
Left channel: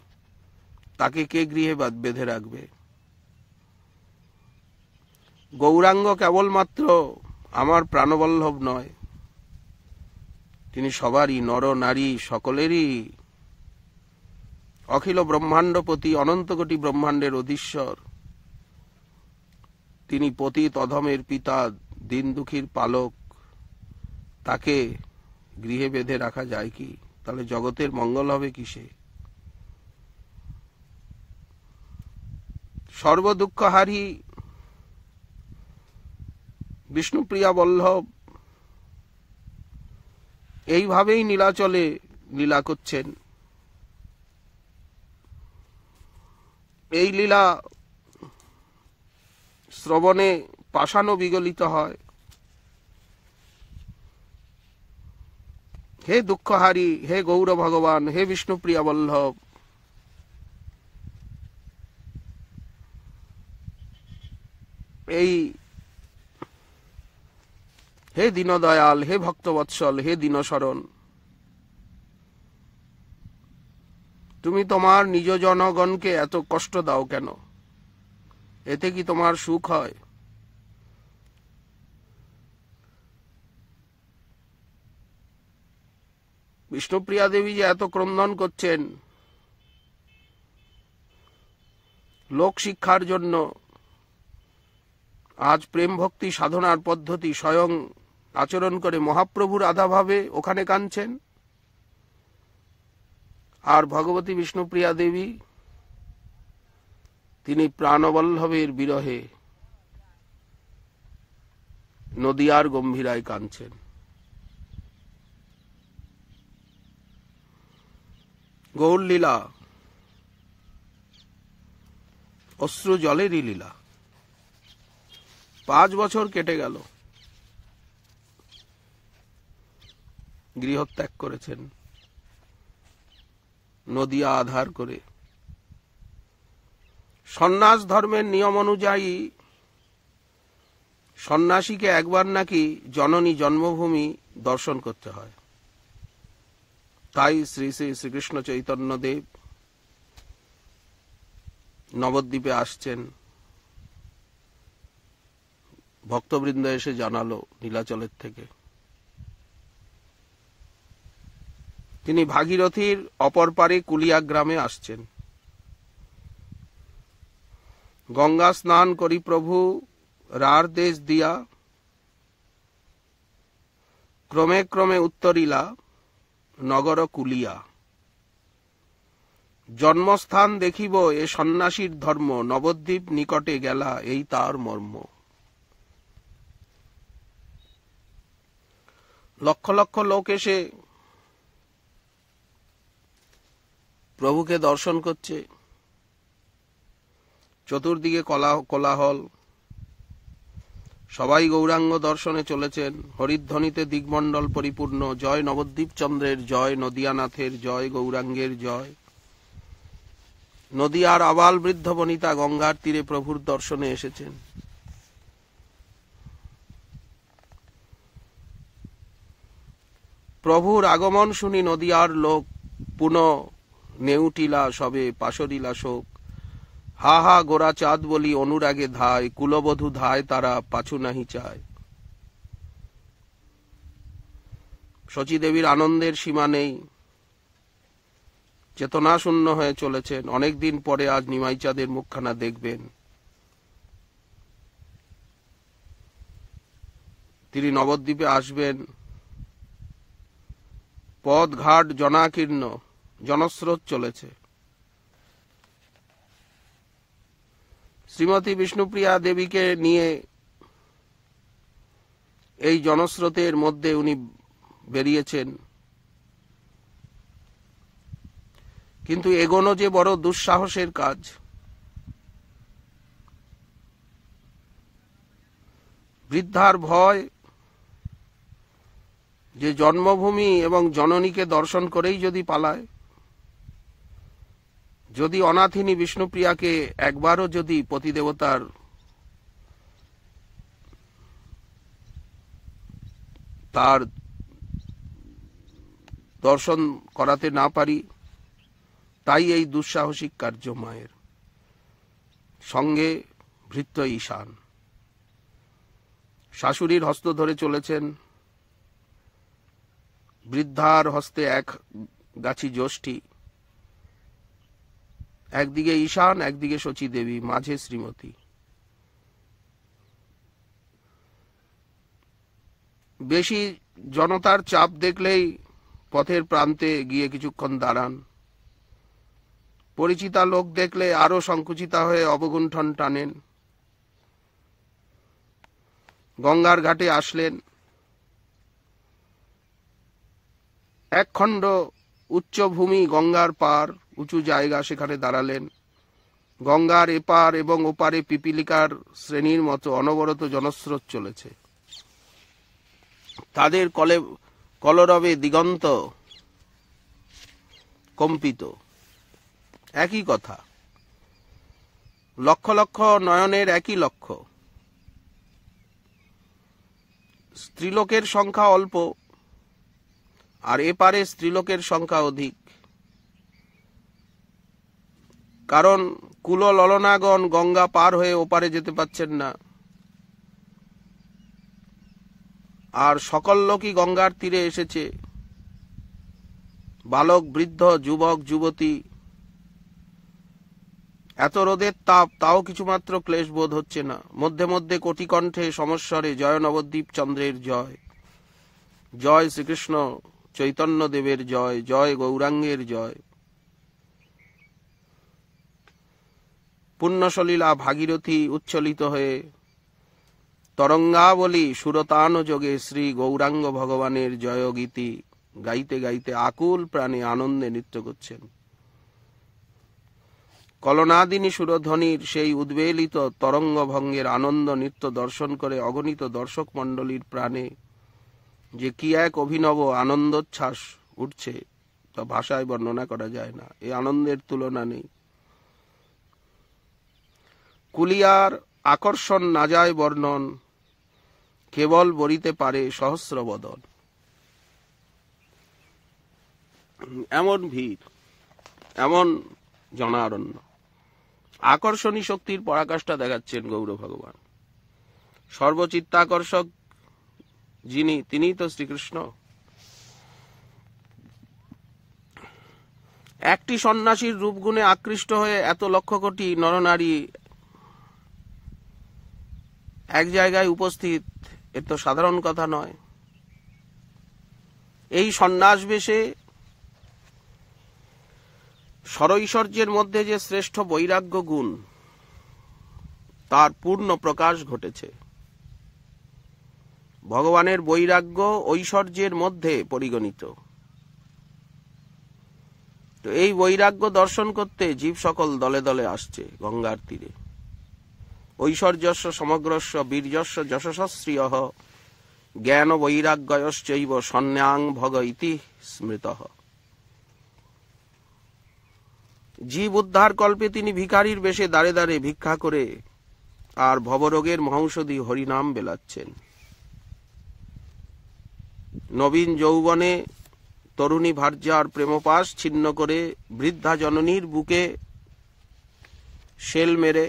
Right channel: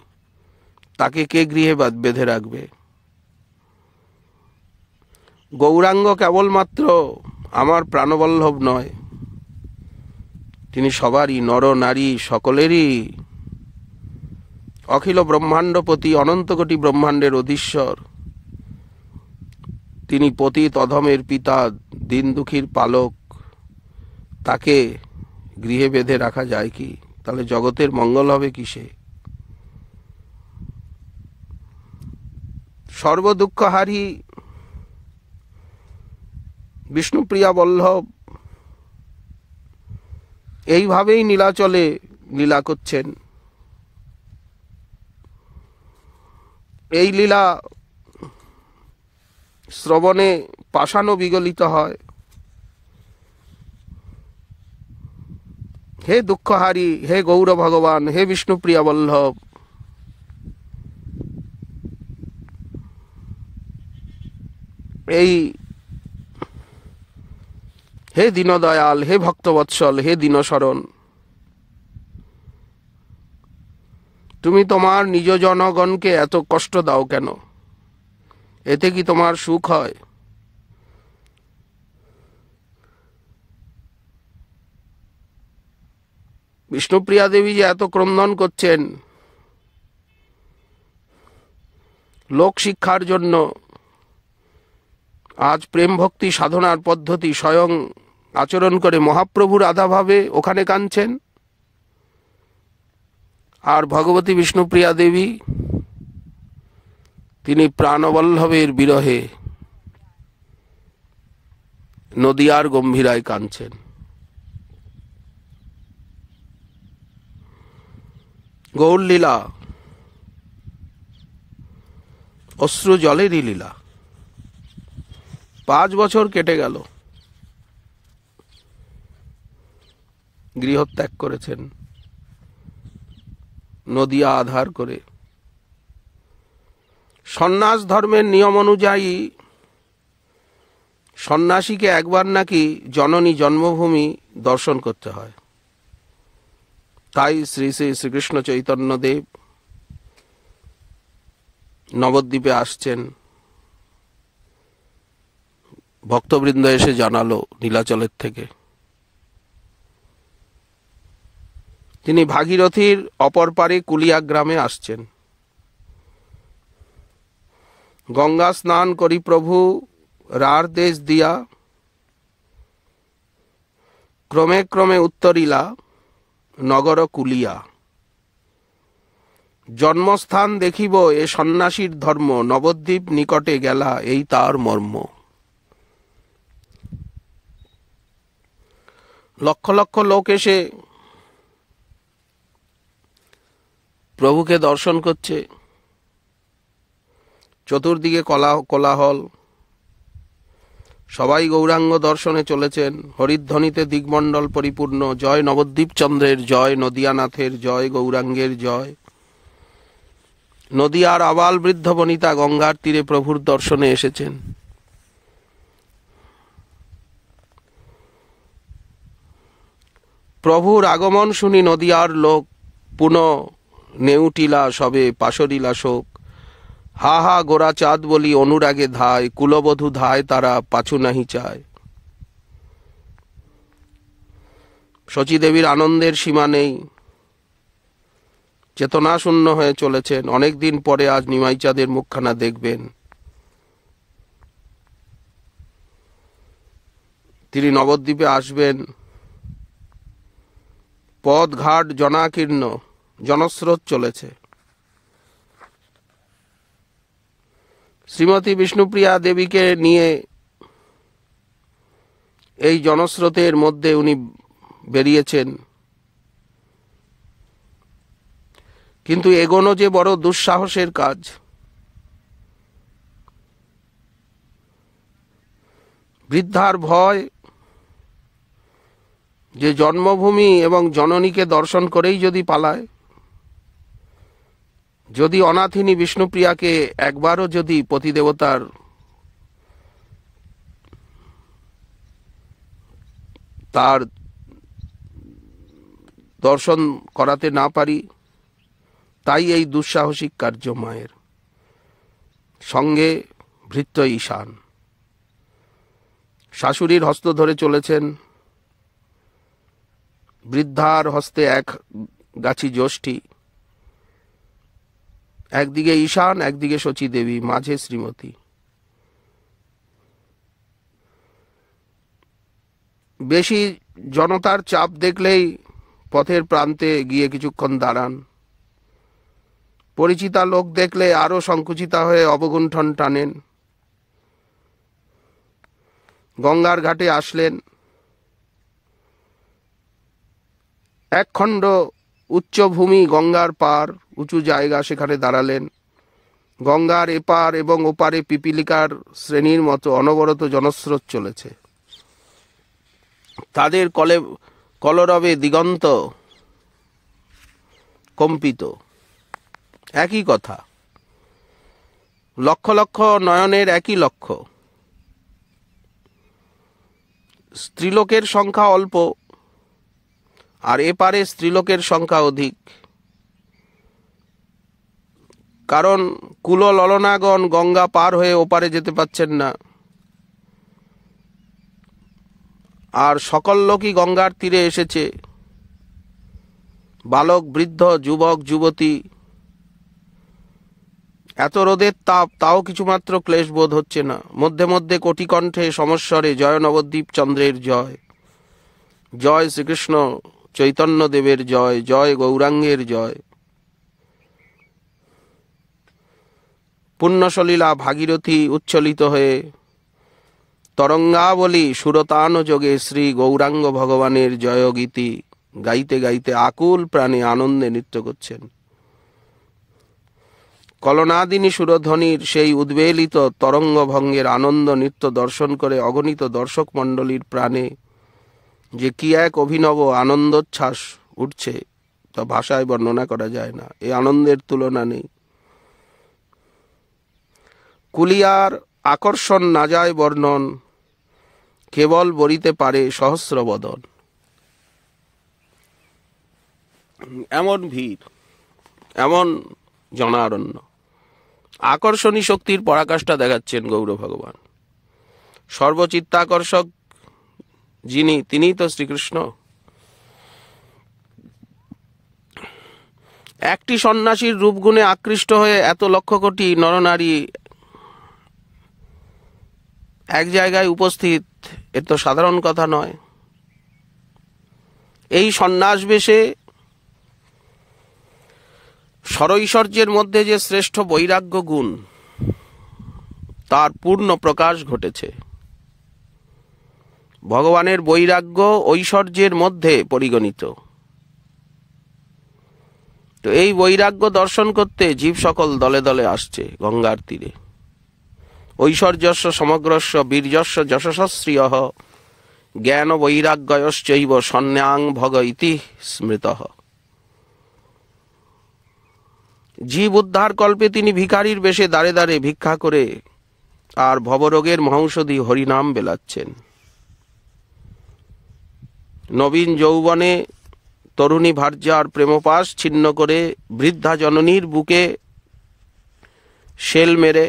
তাকে কে গৃহে বেঁধে রাখবে? গৌরাঙ্গ কেবলমাত্র আমার প্রাণবল্লভ নয়, তিনি সবারই, নর নারী সকলেরই অখিল ব্রহ্মাণ্ডপতি, অনন্ত কোটি ব্রহ্মাণ্ডের অধীশ্বর। তিনি পতিত অধমের পিতা, দিন দুঃখীর পালক। তাকে গৃহে বেঁধে রাখা যায় কি? তাহলে জগতের মঙ্গল হবে কিসে? সর্বদুঃখহারী বিষ্ণুপ্রিয়া বল্লভ এইভাবেই নীলাচলে লীলা করছেন। এই লীলা শ্রবণে পাষাণও বিগলিত হয়। হে দুঃখহারী, হে গৌর ভগবান, হে বিষ্ণুপ্রিয়া বল্লভ, এই হে দীনদয়াল, হে ভক্তবৎসল, হে দীনশরণ, তুমি তোমার নিজ জনগণকে এত কষ্ট দাও কেন? এতে কি তোমার সুখ হয়? বিষ্ণুপ্রিয়া দেবী যে এত ক্রন্দন করছেন লোক শিক্ষার জন্য, আজ প্রেম ভক্তি সাধনার পদ্ধতি স্বয়ং আচরণ করে মহাপ্রভুর আধাভাবে ওখানে কাঁদছেন। আর ভগবতী বিষ্ণুপ্রিয়া দেবী তিনি প্রাণবল্লভের বিরহে নদিয়ার গম্ভীরায় কাঁদছেন। গৌরলীলা অশ্রু জলেরই লীলা। 5 বছর কেটে গেল, গৃহত্যাগ করেছেন নদিয়া আধার করে। সন্ন্যাস ধর্মের নিয়ম অনুযায়ী সন্ন্যাসীকে একবার নাকি জননী জন্মভূমি দর্শন করতে হয়। তাই শ্রী শ্রী শ্রীকৃষ্ণ চৈতন্যদেব নবদ্বীপে আসছেন। ভক্তবৃন্দ এসে জানালো নীলাচলের থেকে। তিনি ভাগীরথীর অপর পারে কুলিয়া গ্রামে আসছেন। গঙ্গা স্নান করি প্রভু রার দেশ দিয়া, ক্রমে ক্রমে উত্তরিলা নগর কুলিয়া। জন্মস্থান দেখিব এ সন্ন্যাসীর ধর্ম, নবদ্বীপ নিকটে গেলা এই তার মর্ম। লক্ষ লক্ষ লোক এসে প্রভুকে দর্শন করছে। চতুর্দিকে কোলাহল, সবাই গৌরাঙ্গ দর্শনে চলেছেন। হরিধ্বনিতে দিগমণ্ডল পরিপূর্ণ। জয় নবদ্বীপ চন্দ্রের জয়, নদিয়ানাথের জয়, গৌরাঙ্গের জয়। নদিয়ার আবাল বৃদ্ধ বনিতা গঙ্গার তীরে প্রভুর দর্শনে এসেছেন। প্রভুর আগমন শুনি নদিয়ার লোক, পুনঃ নেউটিলা সবে পাশরিলা শোক। হা হা গোরা চাঁদ বলি অনুরাগে ধায়, কুলবধূ ধায় তারা পাছু নাহি চায়। শচীদেবীর আনন্দের সীমা নেই, চেতনা শূন্য হয়ে চলেছেন। অনেকদিন পরে আজ নিমাই চাঁদের মুখখানা দেখবেন। তিনি নবদ্বীপে আসবেন। পথ ঘাট জনাকীর্ণ, জনস্রোত চলেছে। শ্রীমতী বিষ্ণুপ্রিয়া দেবীকে নিয়ে এই জনস্রোতের মধ্যে উনি বেরিয়েছেন। কিন্তু এগোনো যে বড় দুঃসাহসের কাজ। বৃদ্ধার ভয় যে জন্মভূমি এবং জননীকে দর্শন করেই যদি পালায়, যদি অনাথিনী বিষ্ণুপ্রিয়াকে একবারও যদি পতিদেবতার তার দর্শন করাতে না পারি, তাই এই দুঃসাহসিক কার্য মায়ের। সঙ্গে ভৃত্য ঈশান শাশুড়ির হস্ত ধরে চলেছেন। বৃদ্ধার হস্তে এক গাছি যষ্টি। একদিকে ঈশান, একদিকে শচী দেবী, মাঝে শ্রীমতী। বেশি জনতার চাপ দেখলেই পথের প্রান্তে গিয়ে কিছুক্ষণ দাঁড়ান। পরিচিতা লোক দেখলে আরো সংকুচিতা হয়ে অবগুণ্ঠন টানেন। গঙ্গার ঘাটে আসলেন। একখণ্ড উচ্চভূমি, গঙ্গার পার, উঁচু জায়গা, সেখানে দাঁড়ালেন। গঙ্গার এপার এবং ওপারে পিপিলিকার শ্রেণীর মতো অনবরত জনস্রোত চলেছে। তাদের কলরবে দিগন্ত কম্পিত। একই কথা, লক্ষ লক্ষ নয়নের একই লক্ষ্য। স্ত্রীলোকের সংখ্যা অল্প, আর এপারে স্ত্রীলোকের সংখ্যা অধিক। কারণ কুল ললনাগণ গঙ্গা পার হয়ে ওপারে যেতে পাচ্ছেন না, আর সকল লোকই গঙ্গার তীরে এসেছে। বালক বৃদ্ধ, যুবক যুবতী এত রোদের তাপ, তাও কিছুমাত্র ক্লেশ বোধ হচ্ছে না। মধ্যে মধ্যে কোটি কণ্ঠে সমস্বরে জয় নবদ্বীপ চন্দ্রের জয়, জয় শ্রীকৃষ্ণ চৈতন্য দেবের জয়, জয় গৌরাঙ্গের জয়। পুণ্যসলীলা ভাগীরথী উচ্ছলিত হয়ে তরঙ্গাবলী সুরতান যোগে শ্রী গৌরাঙ্গ ভগবানের জয়গীতি গাইতে গাইতে আকুল প্রাণে আনন্দে নৃত্য করছেন। কলনাদিনী সুরধ্বনির সেই উদ্বেলিত তরঙ্গভঙ্গের আনন্দ নৃত্য দর্শন করে অগণিত দর্শক মণ্ডলীর প্রাণে যে কি এক অভিনব আনন্দোচ্ছ্বাস উঠছে তা ভাষায় বর্ণনা করা যায় না। এই আনন্দের তুলনা নেই। কুলিয়ার আকর্ষণ না যায় বর্ণন, কেবল বরিতে পারে সহস্র বদন। এমন ভিড়, এমন জনারণ্য, আকর্ষণী শক্তির পরাকাষ্ঠা দেখাচ্ছেন গৌর ভগবান। সর্বচিত্তাকর্ষক যিনি, তিনিই তো শ্রীকৃষ্ণ। একটি সন্ন্যাসীর রূপগুণে আকৃষ্ট হয়ে এত লক্ষ কোটি নরনারী এক জায়গায় উপস্থিত, এ তো সাধারণ কথা নয়। এই সন্ন্যাস বেশে সরৈশ্বর্যের মধ্যে যে শ্রেষ্ঠ বৈরাগ্য গুণ, তার পূর্ণ প্রকাশ ঘটেছে। ভগবানের বৈরাগ্য ঐশ্বর্যের মধ্যে পরিগণিত। তো এই বৈরাগ্য দর্শন করতে জীব সকল দলে দলে আসছে গঙ্গার তীরে। ঐশ্বর্যস্য সমগ্রস্য বীর্যস্য যশস্শ্রিয় জ্ঞান বৈরাগ্যয়শ্চৈব সন্ন্যাং ভগ ইতি স্মৃতঃ। জীব উদ্ধার কল্পে তিনি ভিখারির বেশে দাঁড়ে দাঁড়ে ভিক্ষা করে আর ভবরোগের মহৌষধি হরিনাম বেলাচ্ছেন। নবীন যৌবনে তরুণী ভার্যার প্রেমপাশ ছিন্ন করে বৃদ্ধা জননীর বুকে শেল মেরে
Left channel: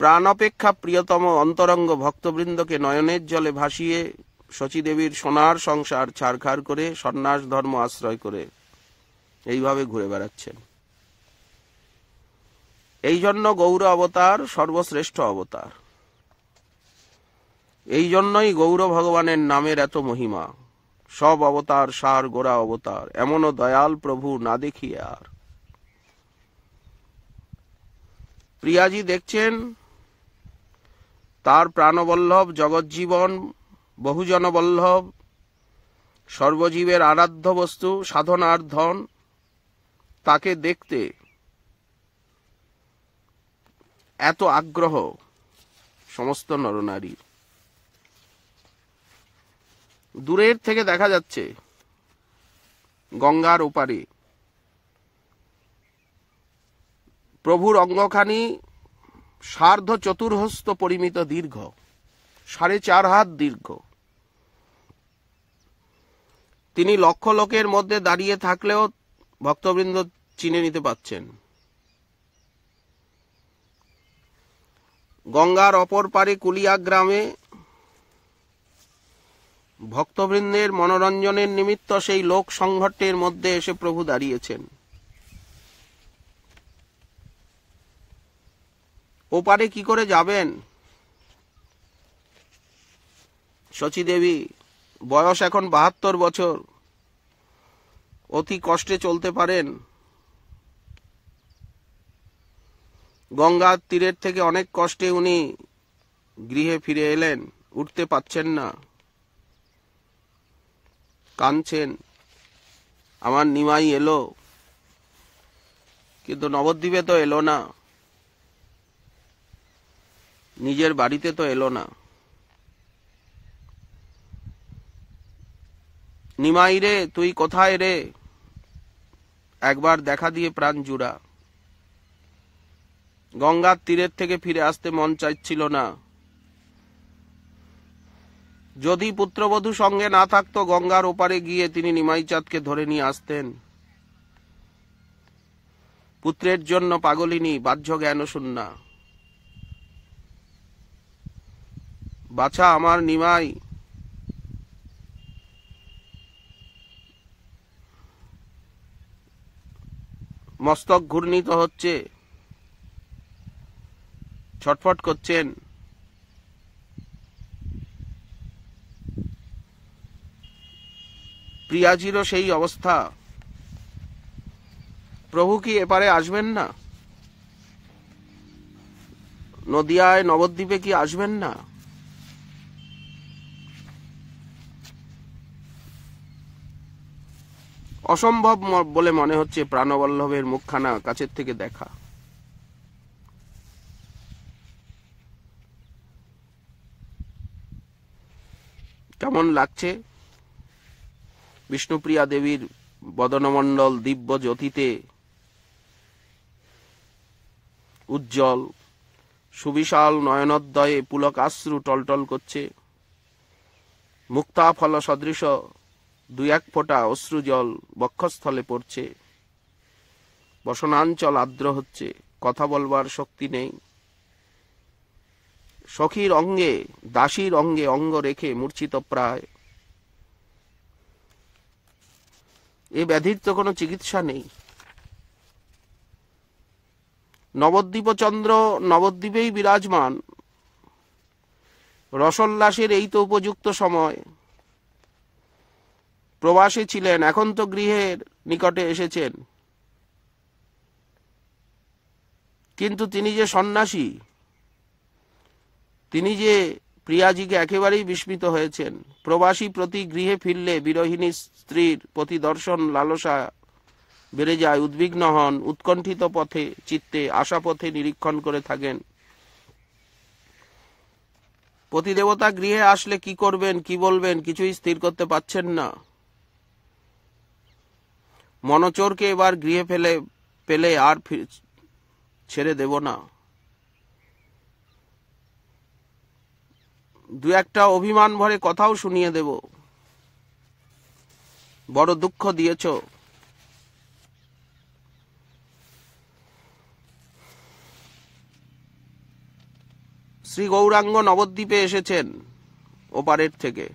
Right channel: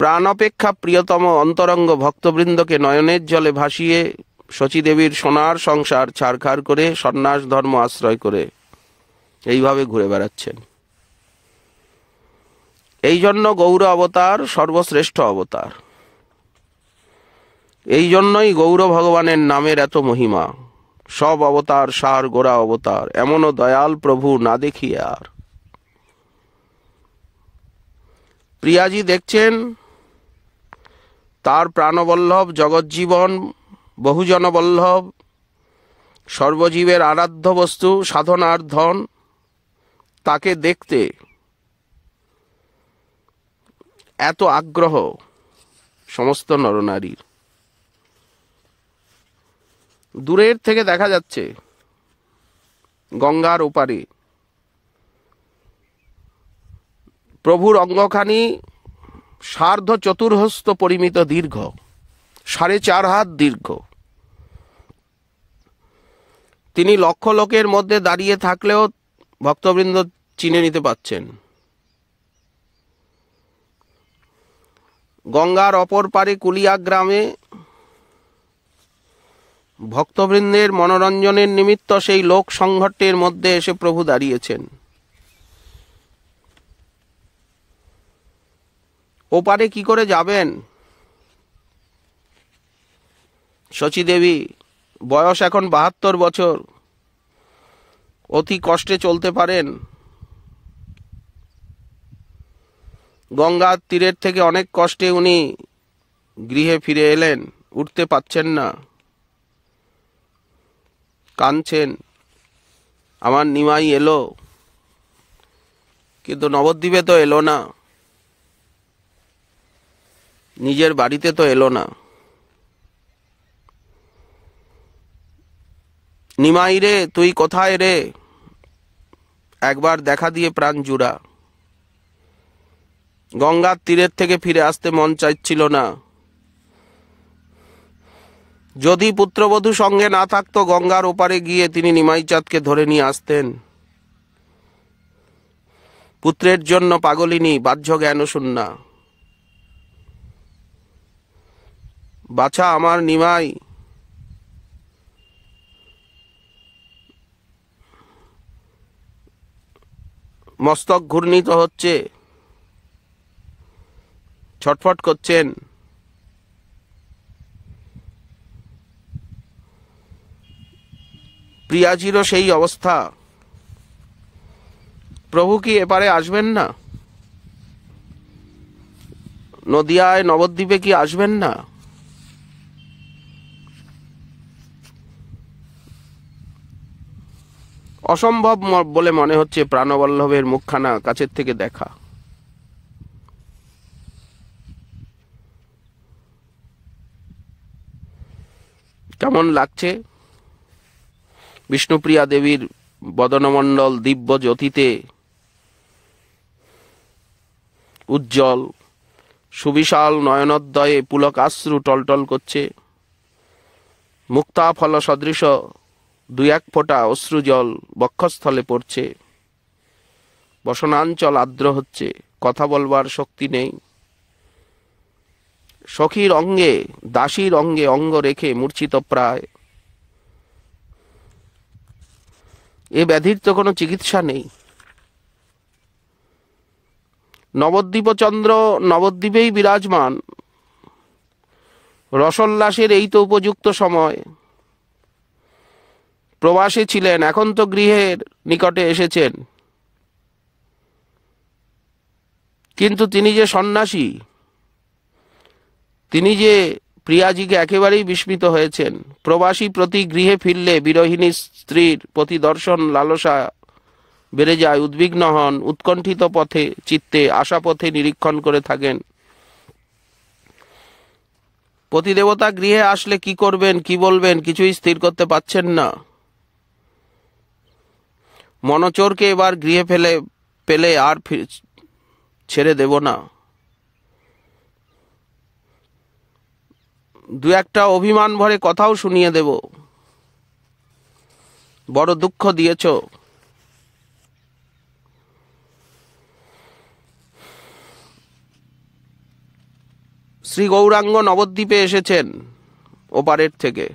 প্রাণাপেক্ষা প্রিয়তম অন্তরঙ্গ ভক্তবৃন্দকে নয়নের জলে ভাসিয়ে শচীদেবীর সোনার সংসার ছারখার করে সন্ন্যাস ধর্ম আশ্রয় করে এইভাবে ঘুরে বেড়াচ্ছেন। এই জন্য গৌর অবতার সর্বশ্রেষ্ঠ অবতার। এই জন্যই গৌর ভগবানের নামের এত মহিমা। সব অবতার সার গোড়া অবতার, এমনও দয়াল প্রভু না দেখিয়ে আর। প্রিয়াজি দেখছেন তার প্রাণবল্লভ, জগজ্জীবন, বহুজনবল্লভ, সর্বজীবের আরাধ্য বস্তু, সাধনার ধন, তাকে দেখতে এত আগ্রহ সমস্ত নরনারীর। দূরের থেকে দেখা যাচ্ছে গঙ্গার ওপারে প্রভুর অঙ্গখানি সার্ধ চতুর্হস্ত পরিমিত দীর্ঘ, 4.5 হাত দীর্ঘ। তিনি লক্ষ লোকের মধ্যে দাঁড়িয়ে থাকলেও ভক্তবৃন্দ চিনে নিতে পারছেন। গঙ্গার অপর পারে কুলিয়া গ্রামে ভক্তবৃন্দের মনোরঞ্জনের নিমিত্ত সেই লোক সংঘটের মধ্যে এসে প্রভু দাঁড়িয়েছেন। ওপারে কি করে যাবেন? শচীদেবী, বয়স এখন 72 বছর, অতি কষ্টে চলতে পারেন। গঙ্গার তীরের থেকে অনেক কষ্টে উনি গৃহে ফিরে এলেন, উঠতে পাচ্ছেন না, কাঁদছেন, আমার নিমাই এলো, কিন্তু নবদ্বীপে তো এলো না, নিজের বাড়িতে তো এলো না। নিমাই রে, তুই কোথায় রে? একবার দেখা দিয়ে প্রাণ জুড়া। গঙ্গার তীরের থেকে ফিরে আসতে মন চাইছিল না। যদি পুত্রবধূ সঙ্গে না থাকতো, গঙ্গার ওপারে গিয়ে তিনি নিমাই চাঁদকে ধরে নিয়ে আসতেন। পুত্রের জন্য পাগলিনী, বাহ্য জ্ঞান শূন্যা। বাছা আমার নিমাই, মস্তক ঘূর্ণিত হচ্ছে, ছটফট করছেন। প্রিয়াজিরও সেই অবস্থা। প্রভু কি এপারে আসবেন না? নদিয়ায় নবদ্বীপে কি আসবেন না? অসম্ভব বলে মনে হচ্ছে প্রাণবল্লভের মুখখানা কাছের থেকে দেখা। কেমন লাগছে? বিষ্ণুপ্রিয়া দেবীর বদনমণ্ডল দিব্য জ্যোতিতে উজ্জ্বল, সুবিশাল নয়নোদ্দয়ে পুলকাশ্রু টলটল করছে। মুক্তা ফল সদৃশ দুই এক ফোঁটা অশ্রুজল বক্ষস্থলে পড়ছে। বসনাঞ্চল আর্দ্র হচ্ছে, কথা বলবার শক্তি নেই। সখীর অঙ্গে, দাসীর অঙ্গে অঙ্গ রেখে মূর্ছিত প্রায়। এ ব্যাধির তো কোনো চিকিৎসা নেই। নবদ্বীপচন্দ্র নবদ্বীপেই বিরাজমান, রসোল্লাসের এই তো উপযুক্ত সময়। প্রবাসে ছিলেন, এখন তো গৃহের নিকটে এসেছেন। কিন্তু তিনি যে সন্ন্যাসী, তিনি যে প্রিয়াজিকে একেবারেই বিস্মিত হয়েছেন। প্রবাসী প্রতি গৃহে ফিরলে বিরহিণী স্ত্রীর প্রতি দর্শন লালসা বেড়ে যায়, উদ্বিগ্ন হন, উৎকণ্ঠিত পথে চিত্তে আশা পথে নিরীক্ষণ করে থাকেন। পতিদেবতা গৃহে আসলে কি করবেন, কি বলবেন, কিছুই স্থির করতে পারছেন না। মনচোরকে এবার গৃহে পেলে আর ছেড়ে দেব না। দু একটা অভিমান ভরে কথাও শুনিয়ে দেব। বড় দুঃখ দিয়েছ। শ্রী গৌরাঙ্গ নবদ্বীপে এসেছেন ওপারের থেকে।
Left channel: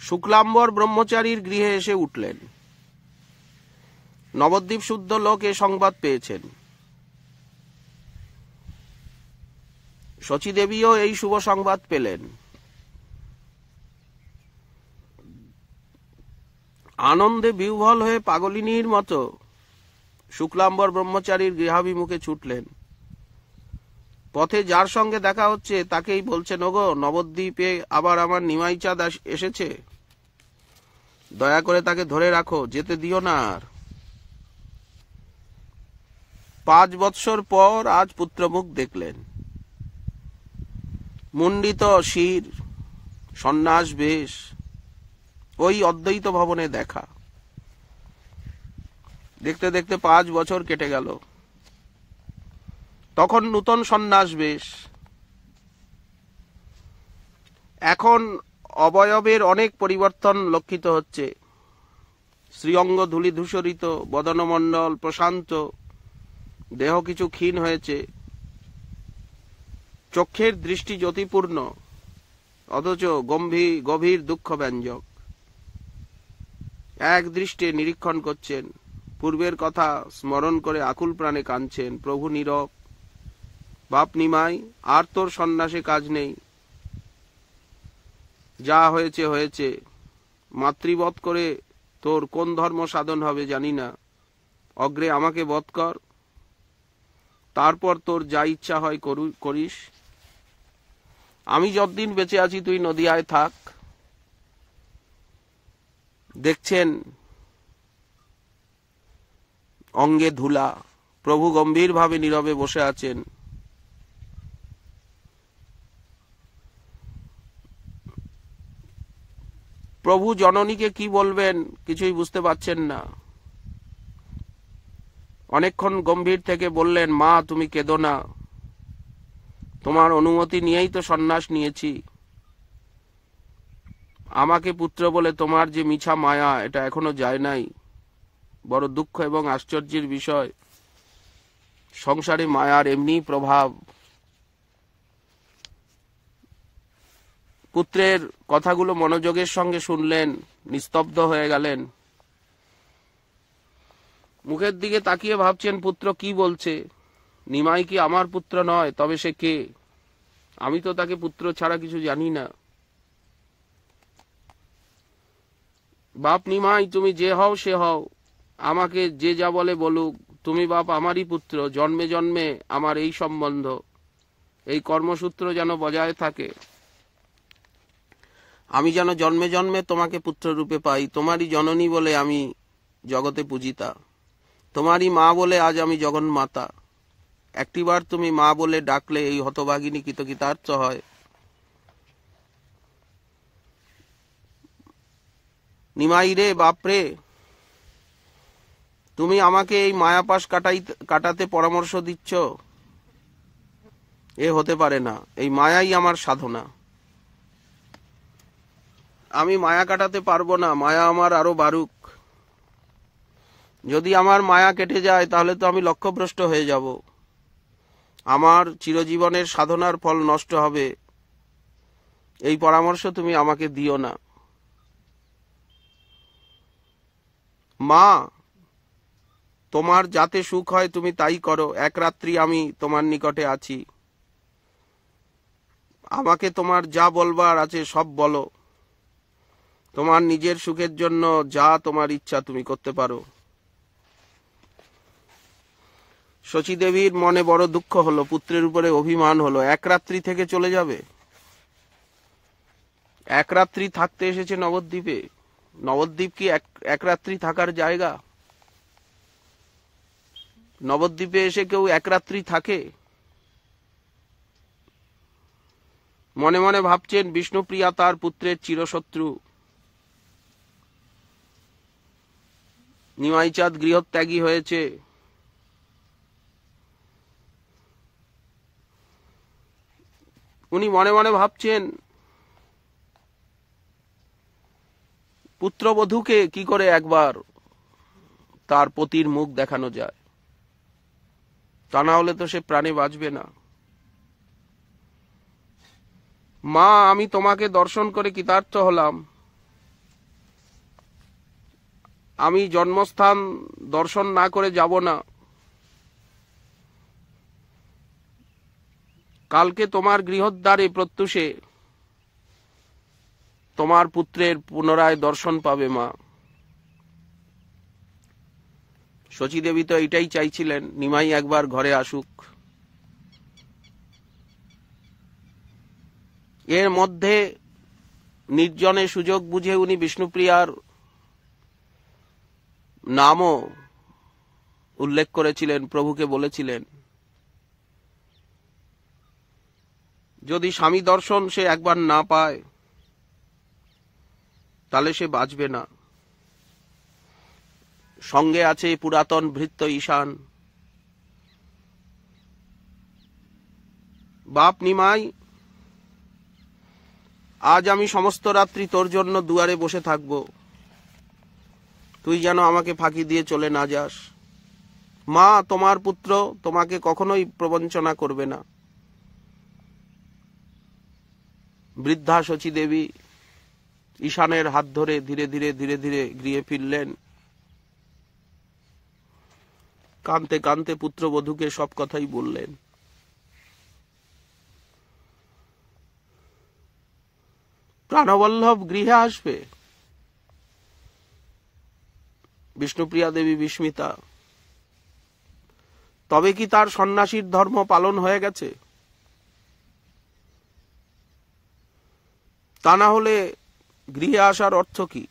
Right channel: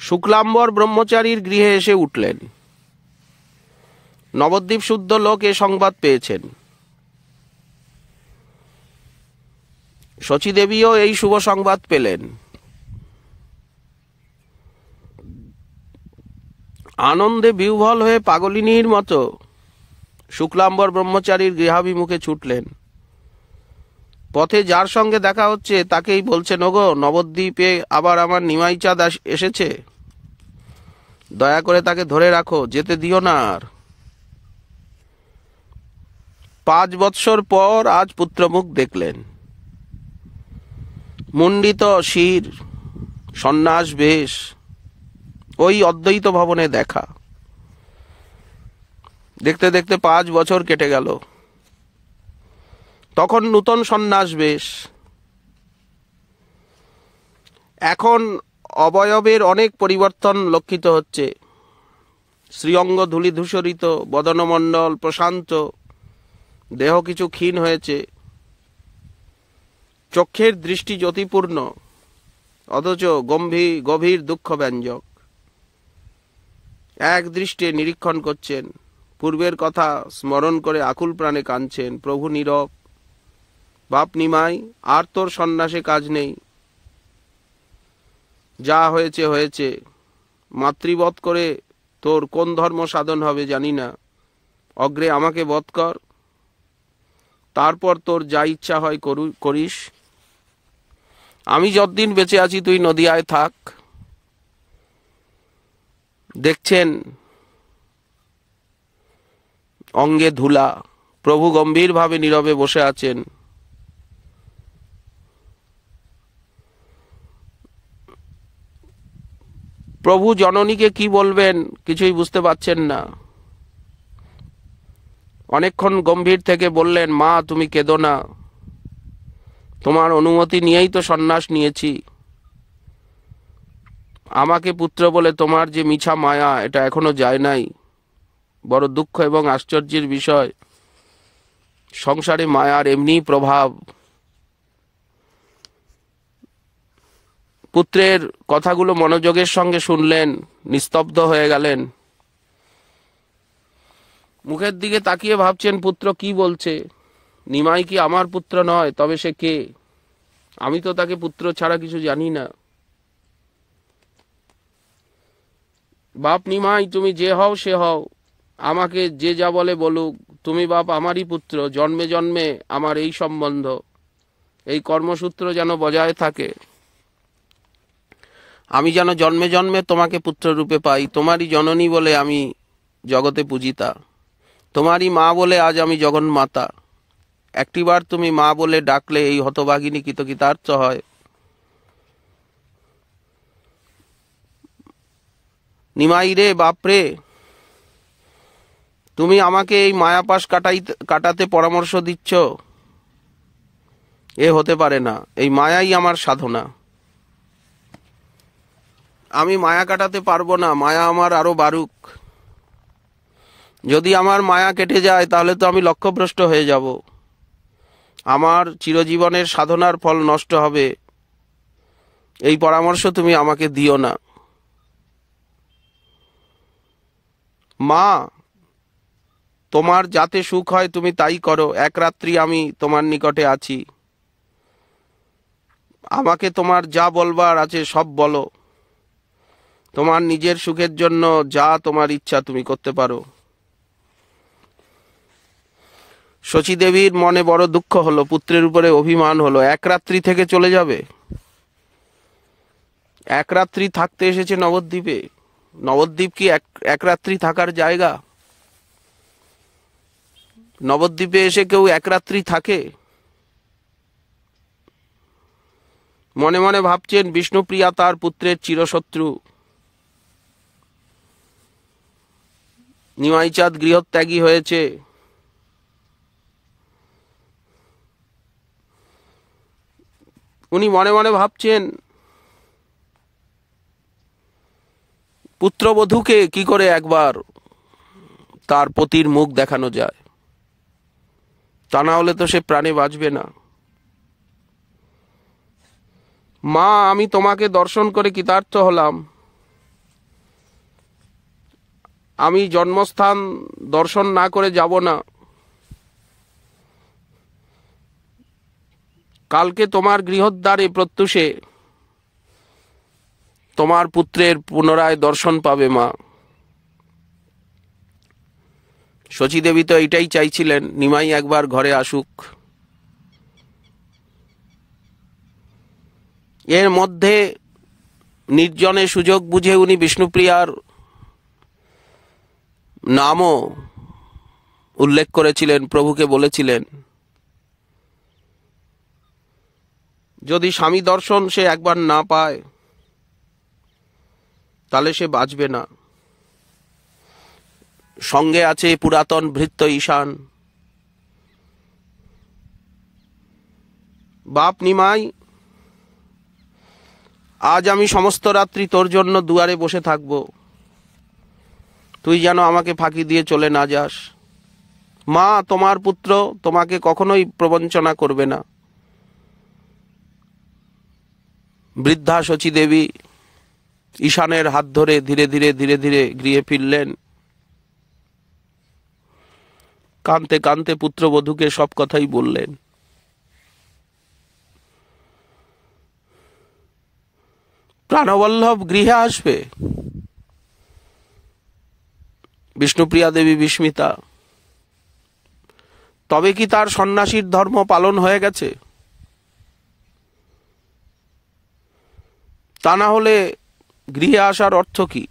শুক্লাম্বর ব্রহ্মচারীর গৃহে এসে উঠলেন। নবদ্বীপ শুদ্ধ লোক এ সংবাদ পেয়েছেন। শচীদেবীও এই শুভ সংবাদ পেলেন। আনন্দে বিহ্বল হয়ে পাগলিনীর মতো শুক্লাম্বর ব্রহ্মচারীর গৃহাভিমুখে ছুটলেন। পথে যার সঙ্গে দেখা হচ্ছে তাকেই বলছেন, ওগো, নবদ্বীপে আবার আমার নিমাই চাঁদ এসেছে, দয়া করে তাকে ধরে রাখো, যেতে দিও না আর। 5 বৎসর পর আজ পুত্রমুখ দেখলেন। মুন্ডিত শির, সন্ন্যাস বেশ, ওই অদ্বৈত ভবনে দেখা। দেখতে দেখতে 5 বছর কেটে গেল। তখন নূতন সন্ন্যাস বেশ। এখন অবয়বের অনেক পরিবর্তন লক্ষিত হচ্ছে। শ্রীঅঙ্গ ধূলিধূসরিত, বদনমণ্ডল প্রশান্ত, দেহ কিছু ক্ষীণ হয়েছে। চক্ষের দৃষ্টি জ্যোতিপূর্ণ, অথচ গভীর দুঃখ ব্যঞ্জক। এক দৃষ্টে নিরীক্ষণ করছেন, পূর্বের কথা স্মরণ করে আকুল প্রাণে কাঁদছেন। প্রভু নীরব। বাপ নিমাই, আর তোর সন্ন্যাসে কাজ নেই, যা হয়েছে হয়েছে। মাতৃবধ করে তোর কোন ধর্ম সাধন হবে জানি না। অগ্রে আমাকে বধ কর, তারপর তোর যা ইচ্ছা হয় করিস। আমি যতদিন বেঁচে আছি তুই নদিয়ায় থাক। দেখছেন অঙ্গে ধুলা, প্রভু গম্ভীরভাবে নীরবে বসে আছেন। প্রভু জননীকে কি বলবেন কিছুই বুঝতে পারছেন না। অনেকক্ষণ গম্ভীর থেকে বললেন, মা তুমি কেঁদো না, তোমার অনুমতি নিয়েই তো সন্ন্যাস নিয়েছি। আমাকে পুত্র বলে তোমার যে মিছা মায়া, এটা এখনো যায় নাই। বড় দুঃখ এবং আশ্চর্যের বিষয়, সংসারে মায়ার এমনি প্রভাব। পুত্রের কথাগুলো মনোযোগের সঙ্গে শুনলেন, নিস্তব্ধ হয়ে গেলেন। মুখের দিকে তাকিয়ে ভাবছেন পুত্র কি বলছে। নিমাই কি আমার পুত্র নয়? তবে সে কে? আমি তো তাকে পুত্র ছাড়া কিছু জানি না। বাপ নিমাই, তুমি যে হও সে হও, আমাকে যে যা বলে বলুক, তুমি বাপ আমারই পুত্র। জন্মে জন্মে আমার এই সম্বন্ধ, এই কর্মসূত্র যেন বজায় থাকে। আমি যেন জন্মে জন্মে তোমাকে পুত্র রূপে পাই। তোমারই জননী বলে আমি জগতে পূজিতা, তোমারই মা বলে আজ আমি জগন্মাতা। একটিবার তুমি মা বলে ডাকলে এই হতভাগিনী কৃতকৃতার্থ হয়। নিমাই রে, বাপরে, তুমি আমাকে এই মায়াপাশ কাটাতে পরামর্শ দিচ্ছ? এ হতে পারে না। এই মায়াই আমার সাধনা। আমি মায়া কাটাতে পারবো না। মায়া আমার আরো বাড়ুক। যদি আমার মায়া কেটে যায় তাহলে তো আমি লক্ষ্যভ্রষ্ট হয়ে যাব। আমার চিরজীবনের সাধনার ফল নষ্ট হবে। এই পরামর্শ তুমি আমাকে দিও না। মা, তোমার যাতে সুখ হয় তুমি তাই করো। এক রাত্রি আমি তোমার নিকটে আছি। আমাকে তোমার যা বলবার আছে সব বলো। তোমার নিজের সুখের জন্য যা তোমার ইচ্ছা তুমি করতে পারো। শচীদেবীর মনে বড় দুঃখ হলো, পুত্রের উপরে অভিমান হলো। এক রাত্রি থেকে চলে যাবে? এক রাত্রি থাকতে এসেছে নবদ্বীপে। নবদ্বীপ কি এক রাত্রি থাকার জায়গা? নবদ্বীপে এসে কেউ এক রাত্রি থাকে? মনে মনে ভাবছেন বিষ্ণুপ্রিয়া তার পুত্রের চিরশত্রু। নিমাইচাঁদ গৃহত্যাগী হয়েছে। উনি মনে মনে ভাবছেন পুত্রবধূকে কি করে একবার তার পতির মুখ দেখানো যায়, তা না হলে তো সে প্রাণে বাঁচবে না। মা, আমি তোমাকে দর্শন করে কৃতার্থ হলাম। আমি জন্মস্থান দর্শন না করে যাব না। কালকে তোমার গৃহদ্বারে প্রত্যুষে তোমার পুত্রের পুনরায় দর্শন পাবে মা। শচীদেবী তো এটাই চাইছিলেন, নিমাই একবার ঘরে আসুক। এর মধ্যে নির্জনে সুযোগ বুঝে উনি বিষ্ণুপ্রিয়ার নামও উল্লেখ করেছিলেন, প্রভুকে বলেছিলেন যদি স্বামী দর্শন সে একবার না পায় তাহলে সে বাঁচবে না। সঙ্গে আছে পুরাতন ভৃত্য ঈশান। বাপ নিমাই, আজ আমি সমস্ত রাত্রি তোর জন্য দুয়ারে বসে থাকব। তুই যেন আমাকে ফাঁকি দিয়ে চলে না যাস। মা, তোমার পুত্র তোমাকে কখনোই প্রবঞ্চনা করবে না। বৃদ্ধা শচীদেবী ঈশানের হাত ধরে ধীরে ধীরে ধীরে ধীরে গৃহে ফিরলেন। কাঁদতে কাঁদতে পুত্রবধূকে সব কথাই বললেন। প্রাণবল্লভ গৃহে আসবে? বিষ্ণুপ্রিয়া দেবী বিস্মিতা। তবে কি তার সন্ন্যাসীর ধর্ম পালন হয়ে গেছে? তা না হলে গৃহে আসার অর্থ কি?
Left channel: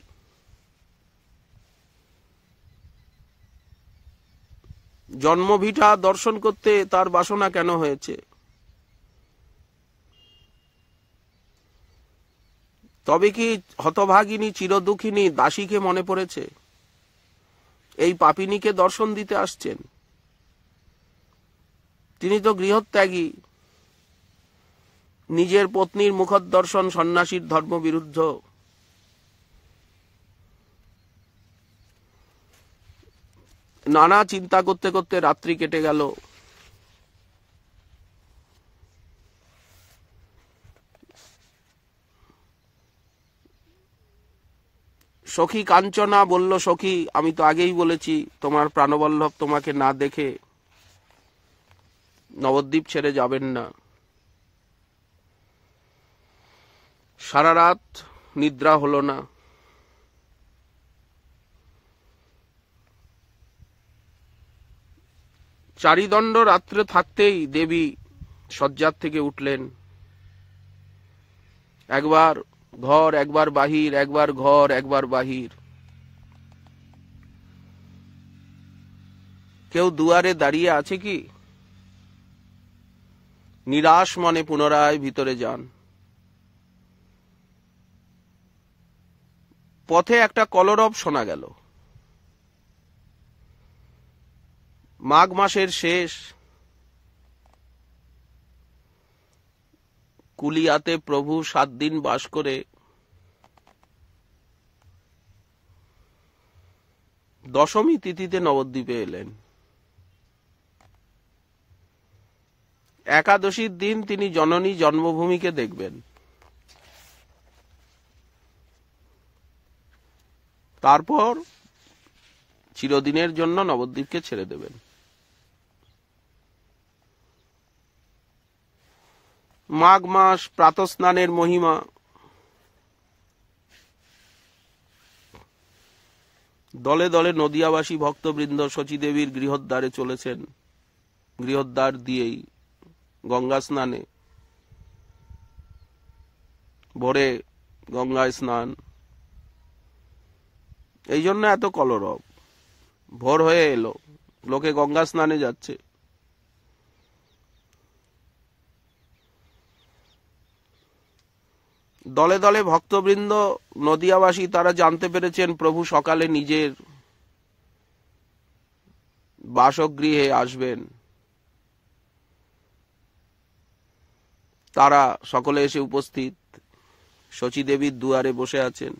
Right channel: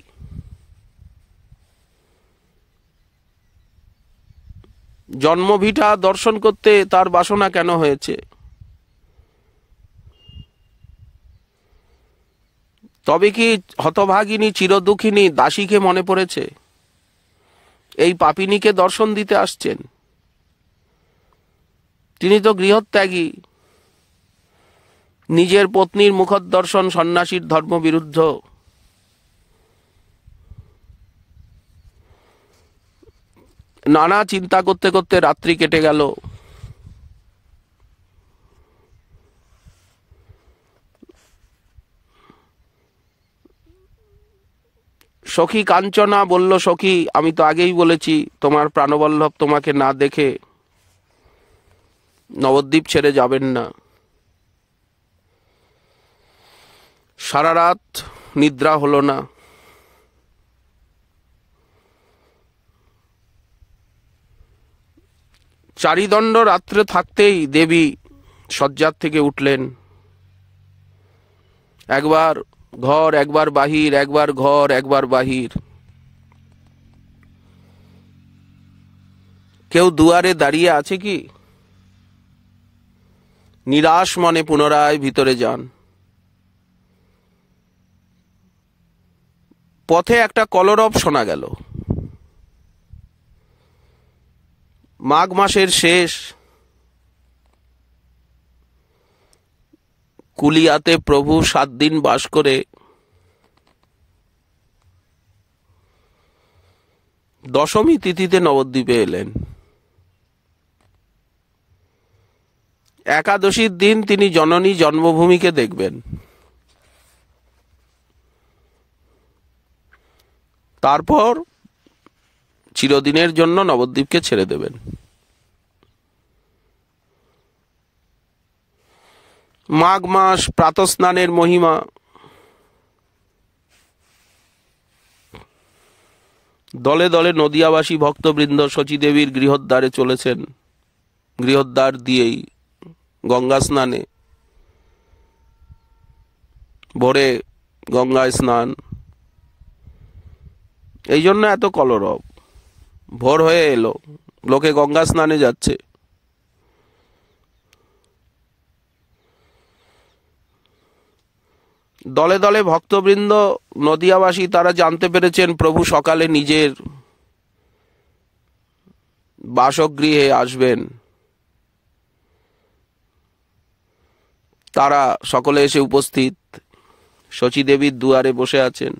জন্মভিটা দর্শন করতে তার বাসনা কেন হয়েছে? তবে কি হতভাগিনী চিরদুঃখিনী দাসীকে মনে পড়েছে? এই পাপিনীকে দর্শন দিতে আসছেন। তিনি তো গৃহত্যাগী। নিজের পত্নীর মুখদর্শন সন্ন্যাসীর ধর্মবিরুদ্ধ। নানা চিন্তা করতে করতে রাত্রি কেটে গেল। সখী কাঞ্চনা বলল, সখী, আমি তো আগেই বলেছি তোমার প্রাণবল্লভ তোমাকে না দেখে নবদ্বীপ ছেড়ে যাবেন না। সারা রাত নিদ্রা হলো না। চারিদণ্ড রাত্রে থাকতেই দেবী শয্যার থেকে উঠলেন। একবার ঘর, একবার বাহির, একবার ঘর, একবার বাহির। কেউ দুয়ারে দাঁড়িয়ে আছে কি? নিরাশ মনে পুনরায় ভিতরে যান। পথে একটা কলরব শোনা গেল। মাঘ মাসের শেষ, কুলিয়াতে প্রভু 7 দিন বাস করে দশমী তিথিতে নবদ্বীপে এলেন। একাদশীর দিন তিনি জননী জন্মভূমিকে দেখবেন। তারপর চিরদিনের জন্য নবদ্বীপকে ছেড়ে দেবেন। মাঘ মাস, প্রাতঃস্নানের মহিমা। দলে দলে নদিয়াবাসী ভক্তবৃন্দ শচীদেবীর গৃহদ্বারে চলেছেন। গৃহদ্বার দিয়েই গঙ্গা স্নানে, ভোরে গঙ্গায় স্নান। এই জন্য এত কলরব। ভোর হয়ে এলো, লোকে গঙ্গা স্নানে যাচ্ছে। দলে দলে ভক্তবৃন্দ নদিয়াবাসী তারা জানতে পেরেছেন প্রভু সকালে নিজের বাসগৃহে আসবেন। তারা সকলে এসে উপস্থিত। শচীদেবীর দুয়ারে বসে আছেন।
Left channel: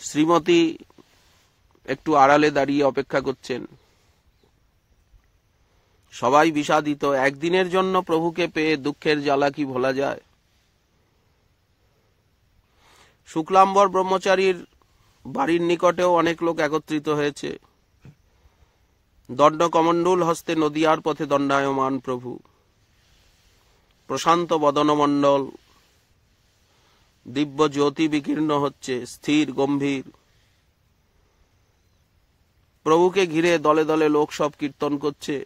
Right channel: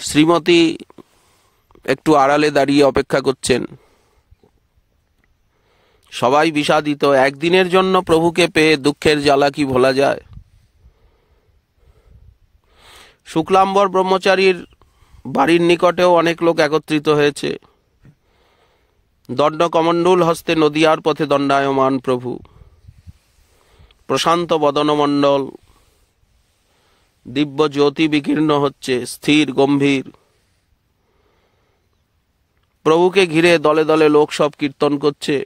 শ্রীমতী একটু আড়ালে দাঁড়িয়ে অপেক্ষা করছেন। সবাই বিষাদিত। একদিনের জন্য প্রভুকে পেয়ে দুঃখের জ্বালা কি ভোলা যায়? শুক্লাম্বর ব্রহ্মচারীর বাড়ির নিকটেও অনেক লোক একত্রিত হয়েছে। দণ্ড কমণ্ডল হস্তে নদিয়ার পথে দণ্ডায়মান প্রভু। প্রশান্ত বদনমণ্ডল, দিব্য জ্যোতি বিকীর্ণ হচ্ছে, স্থির গম্ভীর। প্রভুকে ঘিরে দলে দলে লোক সব কীর্তন করছে।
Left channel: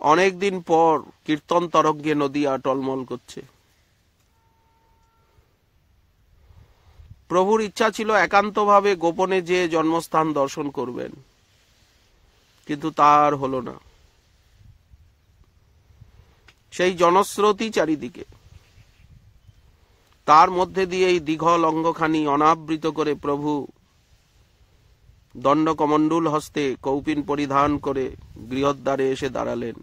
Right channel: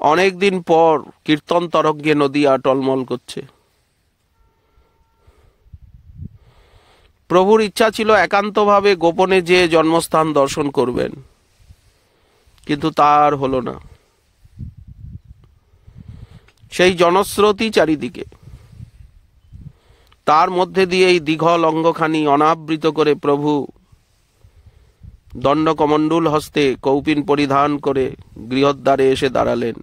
অনেকদিন পর কীর্তন তরঙ্গে নদিয়া টলমল করছে। প্রভুর ইচ্ছা ছিল একান্তভাবে গোপনে যে জন্মস্থান দর্শন করবেন, কিন্তু তার হলো না। সেই জনস্রোতই চারিদিকে। তার মধ্যে দিয়ে এই দীঘল অঙ্গখানি অনাবৃত করে প্রভু দণ্ডকমণ্ডল হস্তে কৌপিন পরিধান করে গৃহদ্বারে এসে দাঁড়ালেন।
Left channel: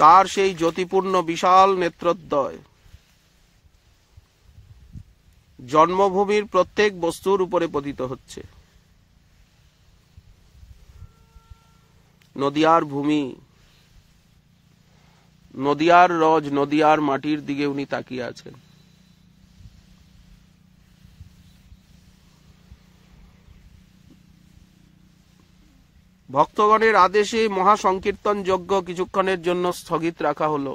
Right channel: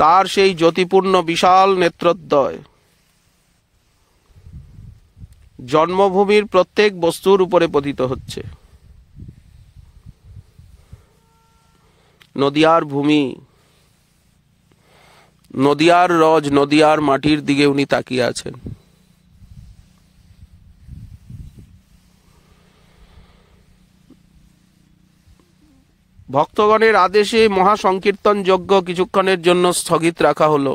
তার সেই জ্যোতিপূর্ণ বিশাল নেত্রদ্বয় জন্মভূমির প্রত্যেক বস্তুর উপরে পতিত হচ্ছে। নদিয়ার ভূমি, নদিয়ার রজ, নদিয়ার মাটির দিকে উনি তাকিয়ে আছেন। ভক্তগণের আদেশে মহাসংকীর্তন যজ্ঞ কিছুক্ষণের জন্য স্থগিত রাখা হলো।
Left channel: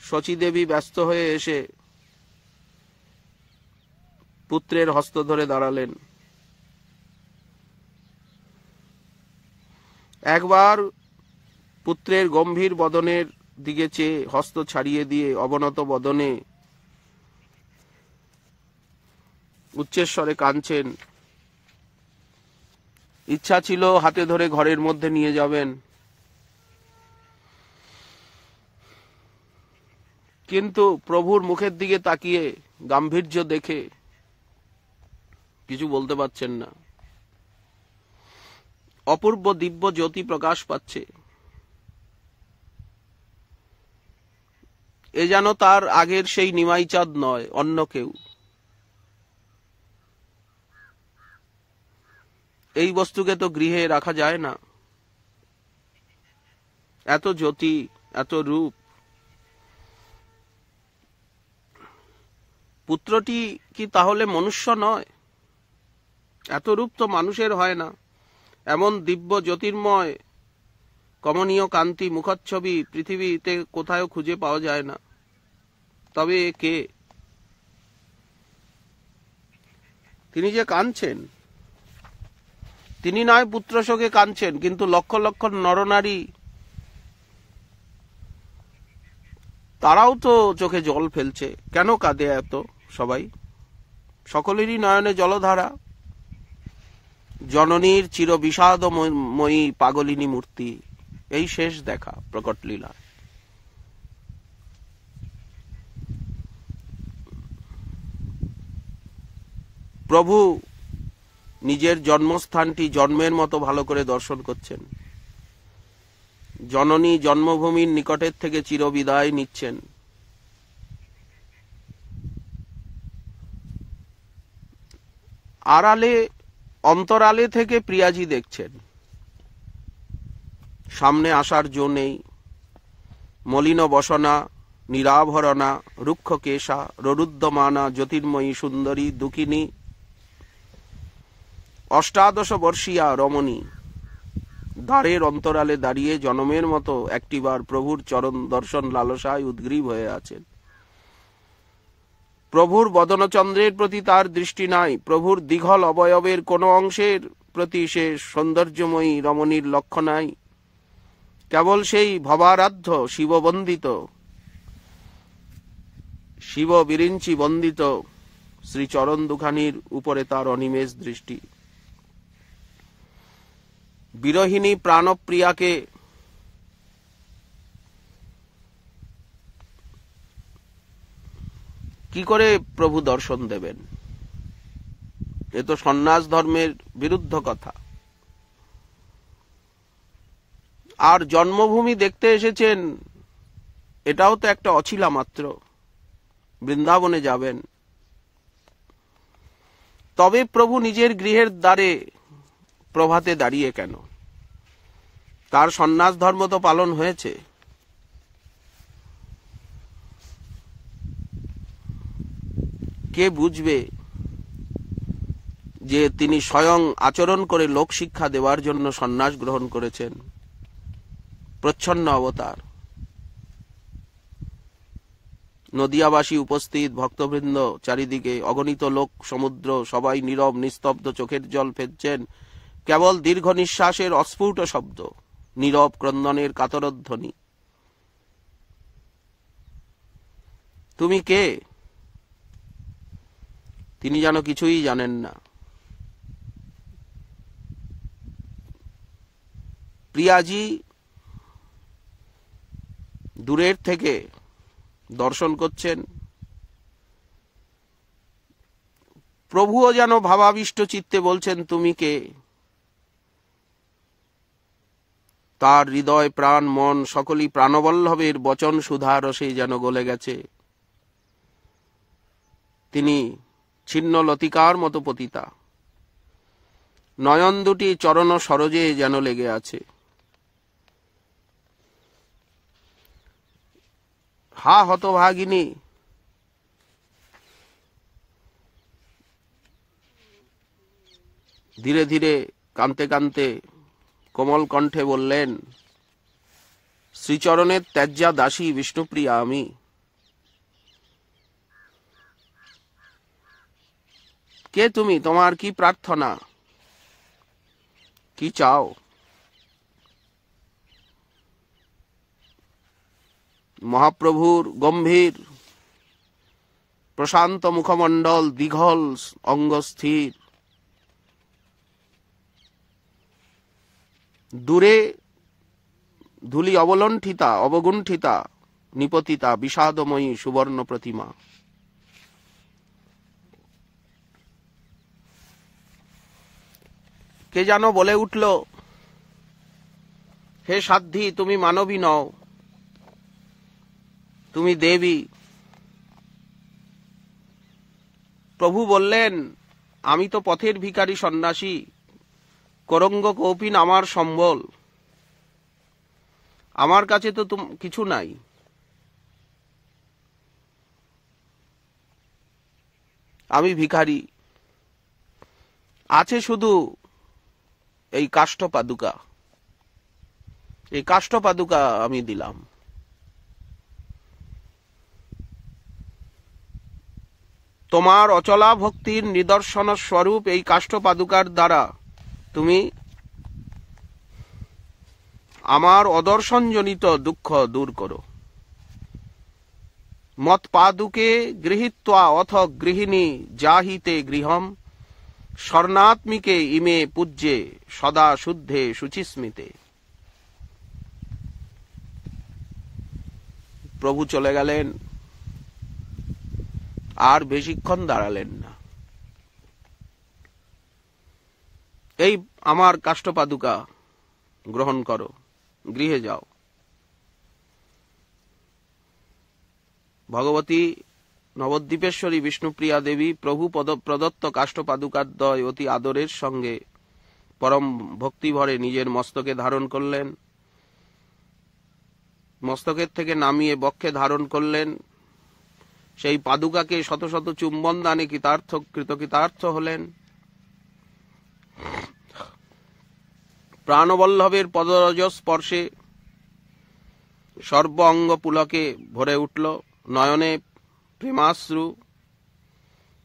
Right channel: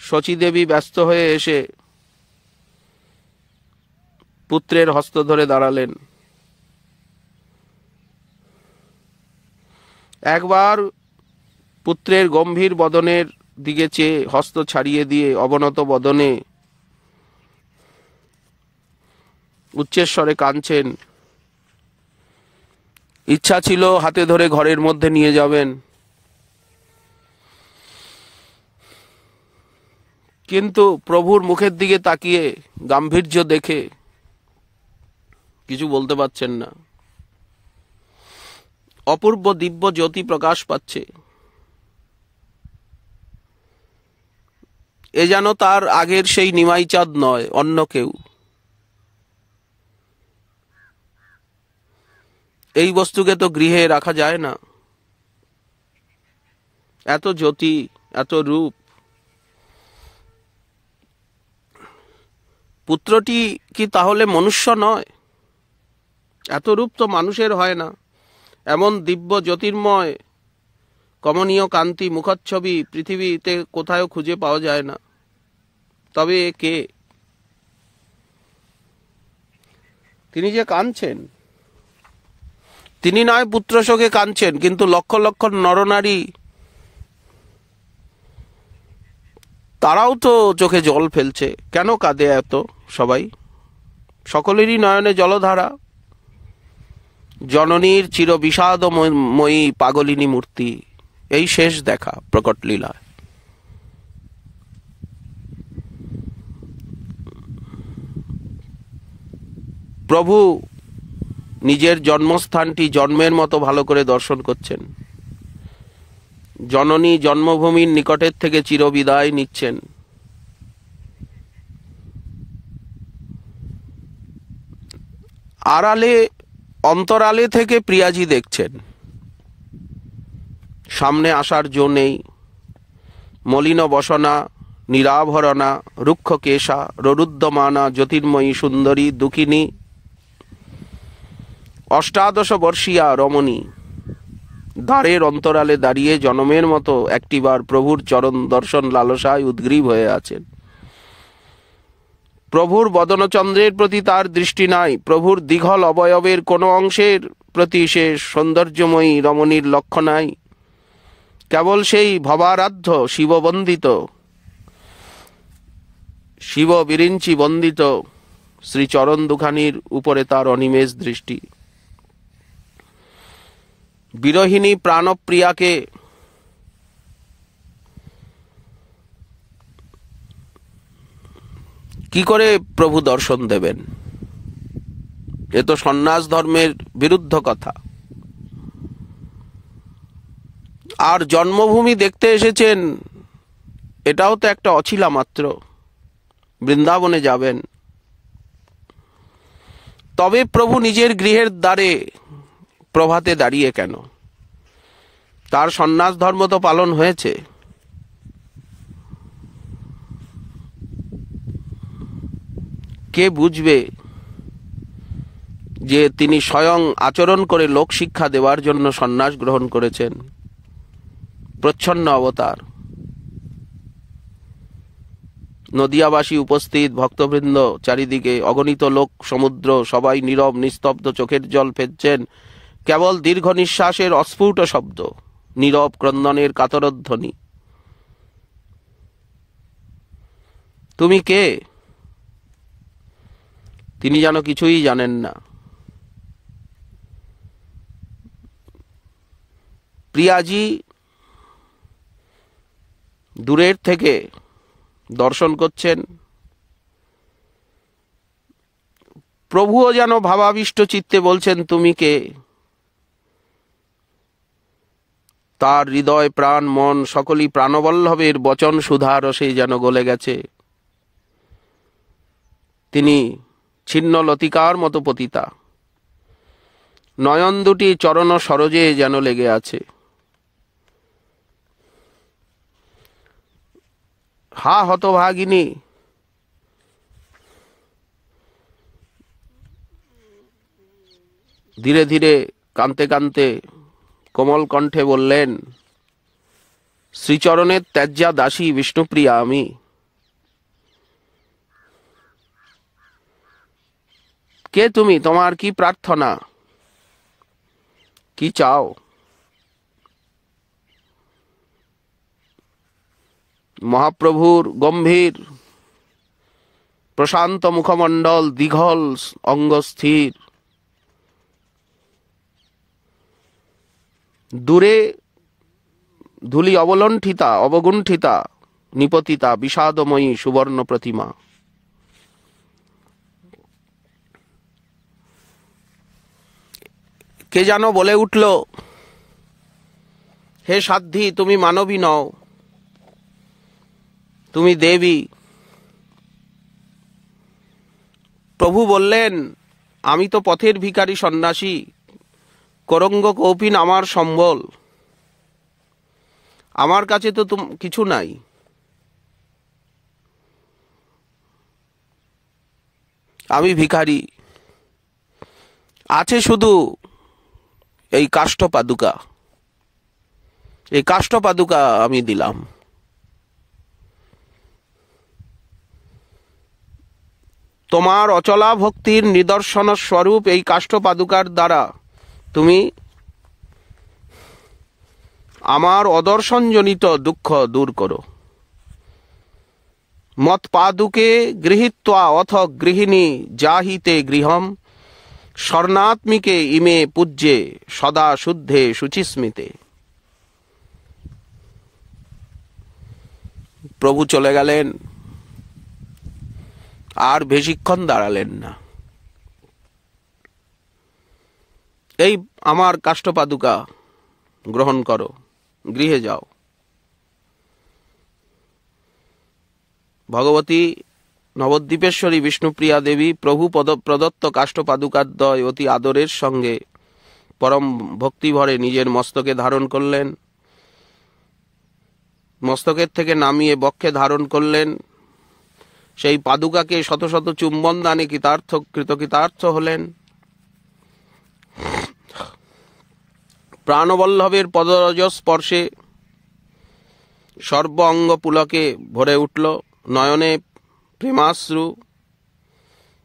শচীদেবী ব্যস্ত হয়ে এসে পুত্রের হস্ত ধরে দাঁড়ালেন। একবার পুত্রের গম্ভীর বদনের দিকে চেয়ে হস্ত ছাড়িয়ে দিয়ে অবনত বদনে উচ্চস্বরে কাঁদছেন। ইচ্ছা ছিল হাতে ধরে ঘরের মধ্যে নিয়ে যাবেন, কিন্তু প্রভুর মুখের দিকে তাকিয়ে গাম্ভীর্য দেখে কিছু বলতে পারছেন না। অপূর্ব দিব্য জ্যোতি প্রকাশ পাচ্ছে। এ যেন তার আগের সেই নিমাই চাঁদ নয়, অন্য কেউ। এই বস্তুকে তো গৃহে রাখা যায় না। এত জ্যোতি, এত রূপ। পুত্রটি কি তাহলে মনুষ্য নয়? এত রূপ তো মানুষের হয় না। এমন দিব্য জ্যোতির্ময় কমনীয় কান্তি মুখচ্ছবি পৃথিবীতে কোথাও খুঁজে পাওয়া যায় না। তবে এ কে? তিনি যে কাঁদছেন, তিনি নয় পুত্র শোকে কাঁদছেন, কিন্তু লক্ষ লক্ষ নরনারী তারাও তো চোখে জল ফেলছে। কেন কাঁদে এত সবাই? সকলেরই নয়নে জলধারা। জননীর চির বিষাদময়ী পাগলিনী মূর্তি, এই শেষ দেখা প্রকট লীলা। প্রভু নিজের জন্মস্থানটি জন্মের মতো ভালো করে দর্শন করছেন। জননী জন্মভূমির নিকটের থেকে চিরবিদায় নিচ্ছেন। আড়ালে অন্তরালে থেকে প্রিয়াজি দেখছেন। সামনে আসার জো নেই। মলিন বসনা, নিরাভরণা, রুক্ষ কেশা, ররুদ্যমানা, জ্যোতির্ময়ী সুন্দরী দুঃখিনী, অষ্টাদশ বর্ষীয়া রমণী দ্বারের অন্তরালে দাঁড়িয়ে জনমের মতো একটিবার প্রভুর চরণ দর্শন লালসায় উদ্গ্রীব হয়ে আছেন। প্রভুর বদনচন্দ্রের প্রতি তার দৃষ্টি নাই। প্রভুর দীঘল অবয়বের কোনো অংশের প্রতি সে সৌন্দর্যময়ী রমণীর লক্ষ্য নাই। কেবল সেই ভবারাধ্য শিববন্দিত, শিব বিরিঞ্চি বন্দিত শ্রীচরণ দুখানির উপরে তার অনিমেষ দৃষ্টি। বিরহিণী প্রাণপ্রিয়াকে কি করে প্রভু দর্শন দেবেন? এ তো সন্ন্যাস ধর্মের বিরুদ্ধ কথা। আর জন্মভূমি দেখতে এসেছেন, এটাও তো একটা অছিলা মাত্র। বৃন্দাবনে যাবেন, তবে প্রভু নিজের গৃহের দ্বারে প্রভাতে দাঁড়িয়ে কেন? তার সন্ন্যাস ধর্ম তো পালন হয়েছে। কে বুঝবে যে তিনি স্বয়ং আচরণ করে লোক শিক্ষা দেওয়ার জন্য সন্ন্যাস গ্রহণ করেছেন? প্রচ্ছন্ন অবতার। নদিয়াবাসী উপস্থিত, ভক্তবৃন্দ চারিদিকে, অগণিত লোক সমুদ্র, সবাই নীরব নিস্তব্ধ, চোখের জল ফেলছেন। কেবল দীর্ঘ নিঃশ্বাসের অস্ফুট শব্দ, নীরব ক্রন্দনের কাতরধ্বনি। তুমি কে? তিনি যেন কিছুই জানেন না। প্রিয়াজি দূরের থেকে দর্শন করছেন। প্রভুও যেন ভাবাবিষ্ট চিত্তে বলছেন, তুমি কে? তার হৃদয়, প্রাণ, মন সকলই প্রাণবল্লভের বচন সুধা রসে যেন গলে গেছে। তিনি ছিন্ন লতিকার মতো পতিতা। নয়ন দুটি চরণ সরোজে যেন লেগে আছে। হা হতভাগিনী, ধীরে ধীরে কাঁদতে কাঁদতে কোমল কণ্ঠে বললেন, শ্রীচরণের ত্যাজ্যা দাসী বিষ্ণুপ্রিয়া আমি। কে তুমি? তোমার কি প্রার্থনা? কি চাও? মহাপ্রভুর গম্ভীর প্রশান্ত মুখমণ্ডল, দীঘল অঙ্গ স্থির। দূরে ধূলি অবলণ্ঠিতা, অবগুণ্ঠিতা, নিপতিতা বিষাদময়ী সুবর্ণ প্রতিমা। কে যেন বলে উঠল, হে সাধ্বী, তুমি মানবী নও, তুমি দেবী। প্রভু বললেন, আমি তো পথের ভিখারি সন্ন্যাসী, করঙ্গ কৌপিন আমার সম্বল। আমার কাছে তো কিছু নাই, আমি ভিখারি, আছে শুধু এই কাষ্ঠ পাদুকা। এই কাষ্ঠ পাদুকা আমি দিলাম। তোমার অচলা ভক্তির নিদর্শন স্বরূপ এই কাষ্ঠ পাদুকার দ্বারা তুমি আমার অদর্শনজনিত দুঃখ দূর করো। মত পাদুকে গৃহীত্বা অথ গৃহিণী জাহিতে গৃহম স্বর্ণাত্মিকে ইমে পূজ্যে সদা শুদ্ধে শুচিস্মিতে। প্রভু চলে গেলেন, আর বেশিক্ষণ দাঁড়ালেন না। এই আমার কাষ্ঠপাদুকা গ্রহণ করো, গৃহে যাও। ভগবতী নবদ্বীপেশ্বরী বিষ্ণুপ্রিয়া দেবী প্রভু প্রদত্ত কাষ্ঠপাদুকাদ্বয় অতি আদরের সঙ্গে পরম ভক্তিভরে নিজের মস্তকে ধারণ করলেন, মস্তকের থেকে নামিয়ে বক্ষে ধারণ করলেন। সেই পাদুকাকে শত শত চুম্বন দানে কৃতকৃতার্থ হলেন। প্রাণবল্লভের পদরজ স্পর্শে সর্ব অঙ্গ পুলকে ভরে উঠল, নয়নে প্রেমাশ্রু,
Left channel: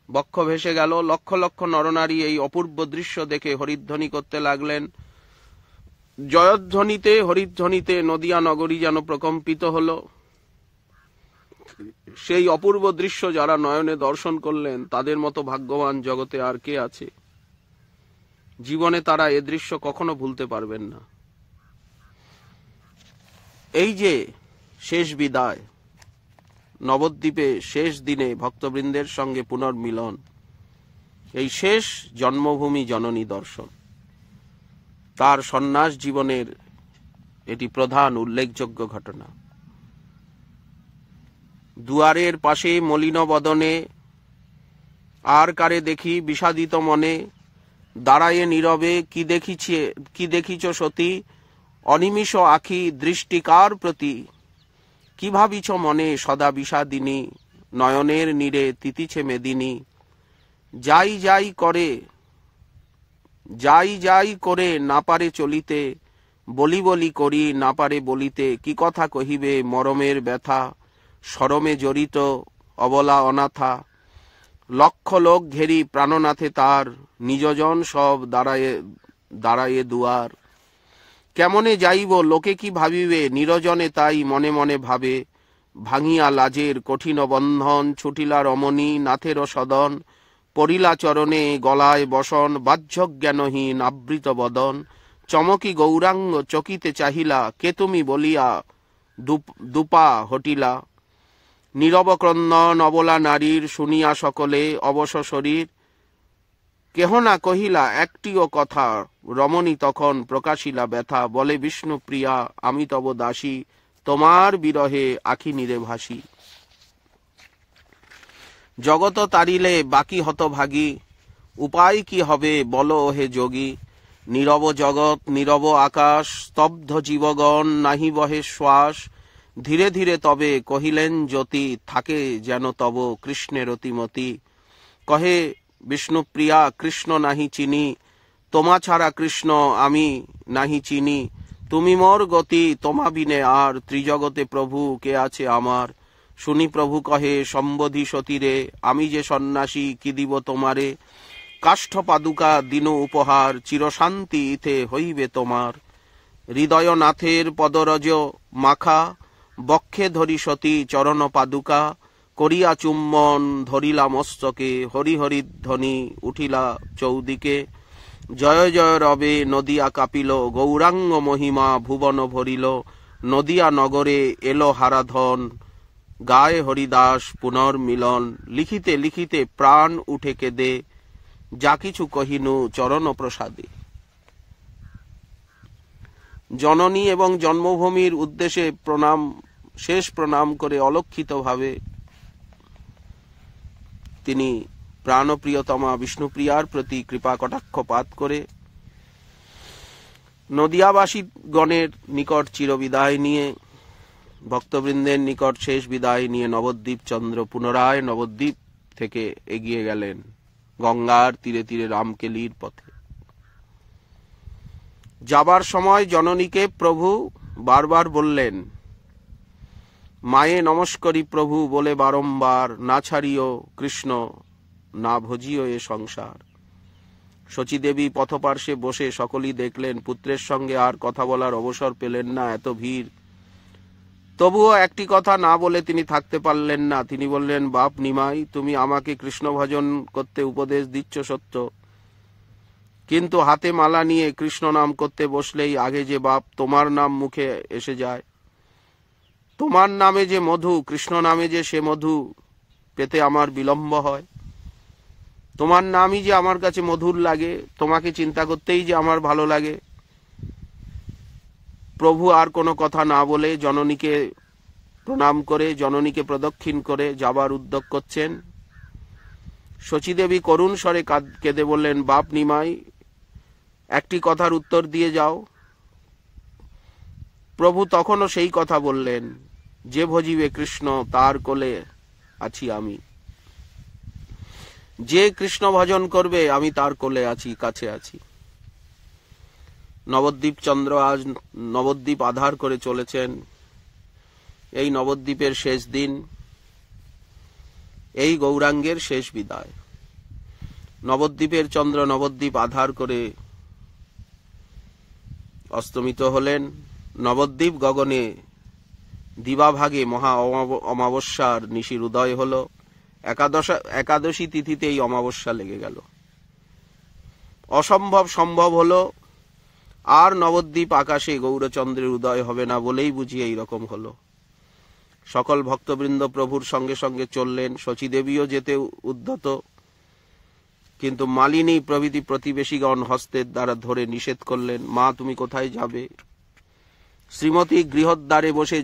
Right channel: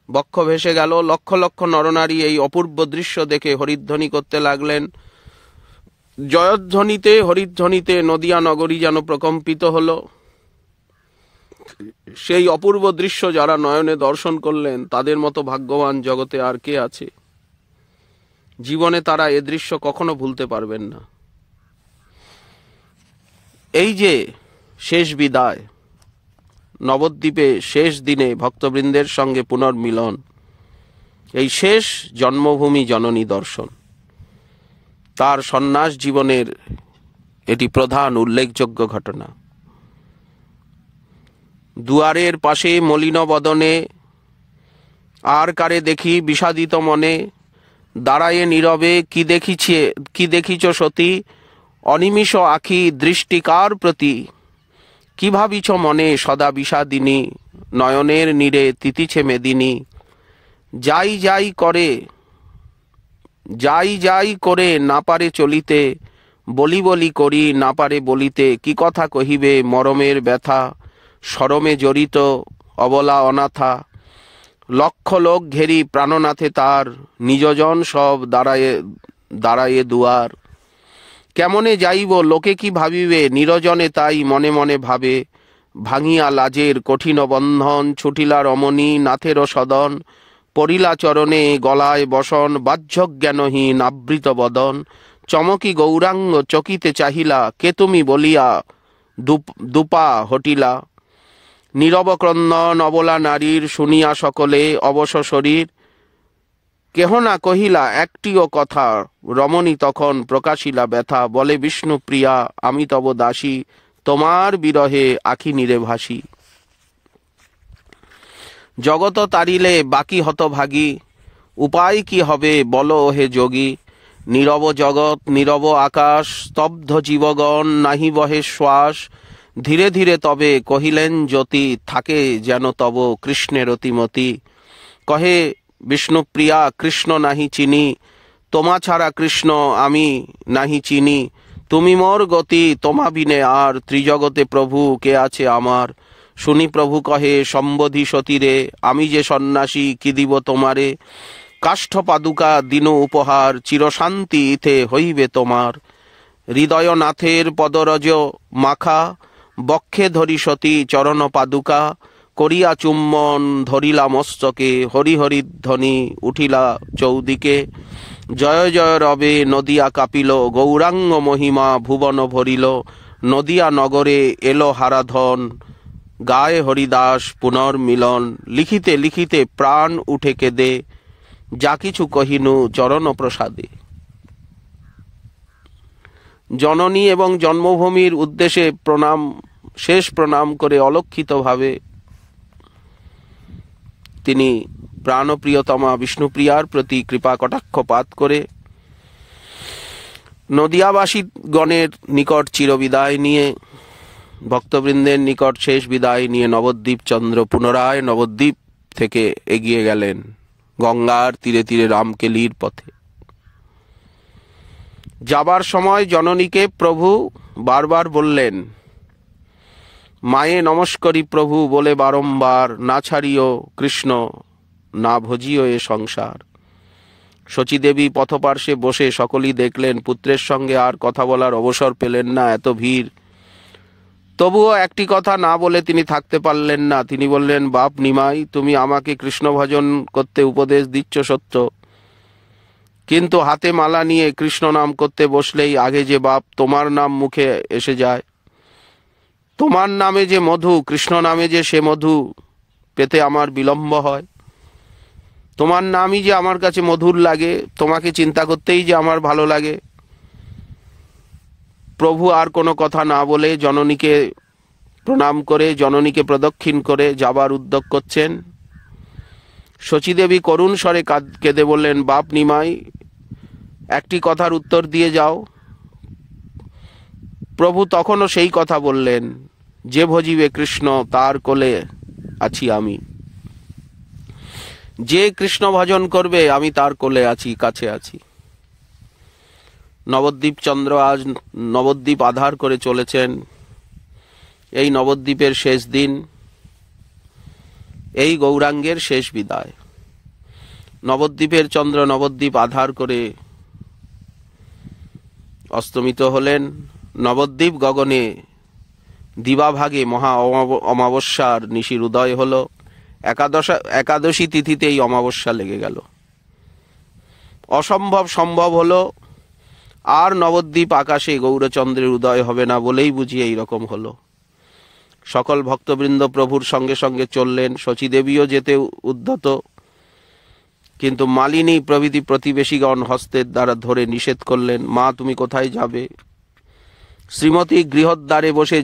বক্ষ ভেসে গেল। লক্ষ লক্ষ নরনারী এই অপূর্ব দৃশ্য দেখে হরিধ্বনি করতে লাগলেন। জয়ধ্বনিতে হরিধ্বনিতে নদিয়া নগরী যেন প্রকম্পিত হল। সেই অপূর্ব দৃশ্য যারা নয়নে দর্শন করলেন তাদের মতো ভাগ্যবান জগতে আর কে আছে? জীবনে তারা এ দৃশ্য কখনো ভুলতে পারবেন না। এই যে শেষ বিদায়, নবদ্বীপে শেষ দিনে ভক্তবৃন্দের সঙ্গে পুনর্মিলন, এই শেষ জন্মভূমি জননী দর্শন, তার সন্ন্যাস জীবনের এটি প্রধান উল্লেখযোগ্য ঘটনা। দুয়ারের পাশে মলিন বদনে আর কারে দেখি বিষাদিত মনে, দাঁড়ায়ে নীরবে কি দেখিছ সতী, অনিমিষ আখি দৃষ্টিকার প্রতি, কি ভাবিছ মনে সদা বিষাদিনী, নয়নের নীরে তিতিছে মেদিনী, যাই যাই করে না পারে চলিতে, বলি বলি করি না পারে বলিতে, কি কথা কহিবে মরমের ব্যথা, শরমে জড়িত অবলা অনাথা, লক্ষ লোক ঘেরি প্রাণনাথে তার, নিজজন সব দাঁড়ায়ে দুয়ার, কেমনে যাইব লোকে কি ভাবিবে, নিরজনে তাই মনে মনে ভাবে, ভাঙিয়া লাজের কঠিন বন্ধন, ছুটিলা রমণী নাথেরও সদন, পড়িলা চরণে গলায় বসন, বাহ্যজ্ঞানহীন আবৃত বদন, চমকি গৌরাঙ্গ চকিতে চাহিলা, কে তুমি বলিয়া দুপা হটিলা, নীরব ক্রন্দন অবলা নারীর, শুনিয়া সকলে অবশ শরীর, কেহ না কহিলা একটিও কথা, রমণী তখন প্রকাশিলা ব্যথা, বলে বিষ্ণুপ্রিয়া আমি তব দাসী, তোমার বিরহে আখি নীরে ভাসি। জগত তারিলে বাকি হতভাগী, উপায় কি হবে বলো হে যোগী, নীরব জগৎ নীরব আকাশ, স্তব্ধ জীবগণ নাহি বহে শ্বাস, ধীরে ধীরে তবে কহিলেন জ্যোতি, থাকে যেন তব কৃষ্ণের অতিমতি, কহে বিষ্ণুপ্রিয়া কৃষ্ণ নাহি চিনি, তোমা ছাড়া কৃষ্ণ আমি নাহি চিনি, তুমি মোর গতি তোমা বিনে আর, ত্রিজগতে প্রভু কে আছে আমার, শুনি প্রভু কহে সম্বোধি সতীরে, আমি যে সন্ন্যাসী কি দিব তোমারে, কাষ্ঠ পাদুকা দিন উপহার, চিরশান্তি ইথে হইবে তোমার, হৃদয়নাথের পদরজ মাখা, বক্ষে ধরি সতী চরণ পাদুকা, করিয়া চুম্বন ধরিলা মস্তকে, হরি হরি ধ্বনি উঠিলা চৌদিকে, জয় জয় রবে নদিয়া কাঁপিল, গৌরাঙ্গ মহিমা ভুবন ভরিল, নদিয়া নগরে এলো হারাধন, গায়ে হরিদাস পুনর্মিলন, লিখিতে লিখিতে প্রাণ উঠে কেঁদে, যা কিছু কহিনু চরণ প্রসাদে। জননী এবং জন্মভূমির উদ্দেশ্যে শেষ প্রণাম করে অলক্ষিতভাবে তিনি প্রাণপ্রিয়তমা বিষ্ণুপ্রিয়ার প্রতি কৃপা কটাক্ষপাত করে নদিয়াবাসী গণের নিকট চিরবিদায় নিয়ে, ভক্তবৃন্দের নিকট শেষ বিদায় নিয়ে নবদ্বীপ চন্দ্র পুনরায় নবদ্বীপ থেকে এগিয়ে গেলেন গঙ্গার তীরে তীরে রামকেলির পথে। যাবার সময় জননীকে প্রভু বারবার বললেন, মায়ে নমস্করি প্রভু বলে বারংবার, না ছাড়িও কৃষ্ণ না ভজিও এ সংসার। শচীদেবী পথপার্শ্বে বসে সকলেই দেখলেন, পুত্রের সঙ্গে আর কথা বলার অবসর পেলেন না, এত ভিড়। তবুও একটি কথা না বলে তিনি থাকতে পারলেন না। তিনি বললেন, বাপ নিমাই, তুমি আমাকে কৃষ্ণ ভজন করতে উপদেশ দিচ্ছ সত্য, কিন্তু হাতে মালা নিয়ে কৃষ্ণ নাম করতে বসলেই আগে যে বাপ তোমার নাম মুখে এসে যায়। তোমার নামে যে মধু, কৃষ্ণ নামে যে সে মধু পেতে আমার বিলম্ব হয়। তোমার নামই যে আমার কাছে মধুর লাগে, তোমাকে চিন্তা করতেই যে আমার ভালো লাগে। প্রভু আর কোনো কথা না বলে জননীকে প্রণাম করে, জননীকে প্রদক্ষিণ করে যাবার উদ্যোগ করছেন। শচীদেবী করুণ স্বরে কেঁদে বললেন, বাপ নিমাই, একটি কথার উত্তর দিয়ে যাও। প্রভু তখনও সেই কথা বললেন, যে ভজিবে কৃষ্ণ তার কোলে আছি আমি। যে কৃষ্ণ ভজন করবে আমি তার কোলে আছি, কাছে আছি। নবদ্বীপ চন্দ্র আজ নবদ্বীপ আধার করে চলেছেন। এই নবদ্বীপের শেষ দিন, এই গৌরাঙ্গের শেষ বিদায়। নবদ্বীপের চন্দ্র নবদ্বীপ আধার করে অস্তমিত হলেন। নবদ্বীপ গগনে দিবাভাগে মহা অমাবস্যার নিশির উদয় হল। একাদশী তিথিতে এই অমাবস্যা লেগে গেল। অসম্ভব সম্ভব হলো। আর নবদ্বীপ আকাশে গৌরচন্দ্রের উদয় হবে না বলেই বুঝি এই রকম হলো। সকল ভক্তবৃন্দ প্রভুর সঙ্গে সঙ্গে চললেন। শচীদেবীও যেতে উদ্যত, কিন্তু মালিনী প্রভৃতি প্রতিবেশীগণ হস্তের দ্বারা ধরে নিষেধ করলেন। মা, তুমি কোথায় যাবে? শ্রীমতী গৃহদ্বারে বসে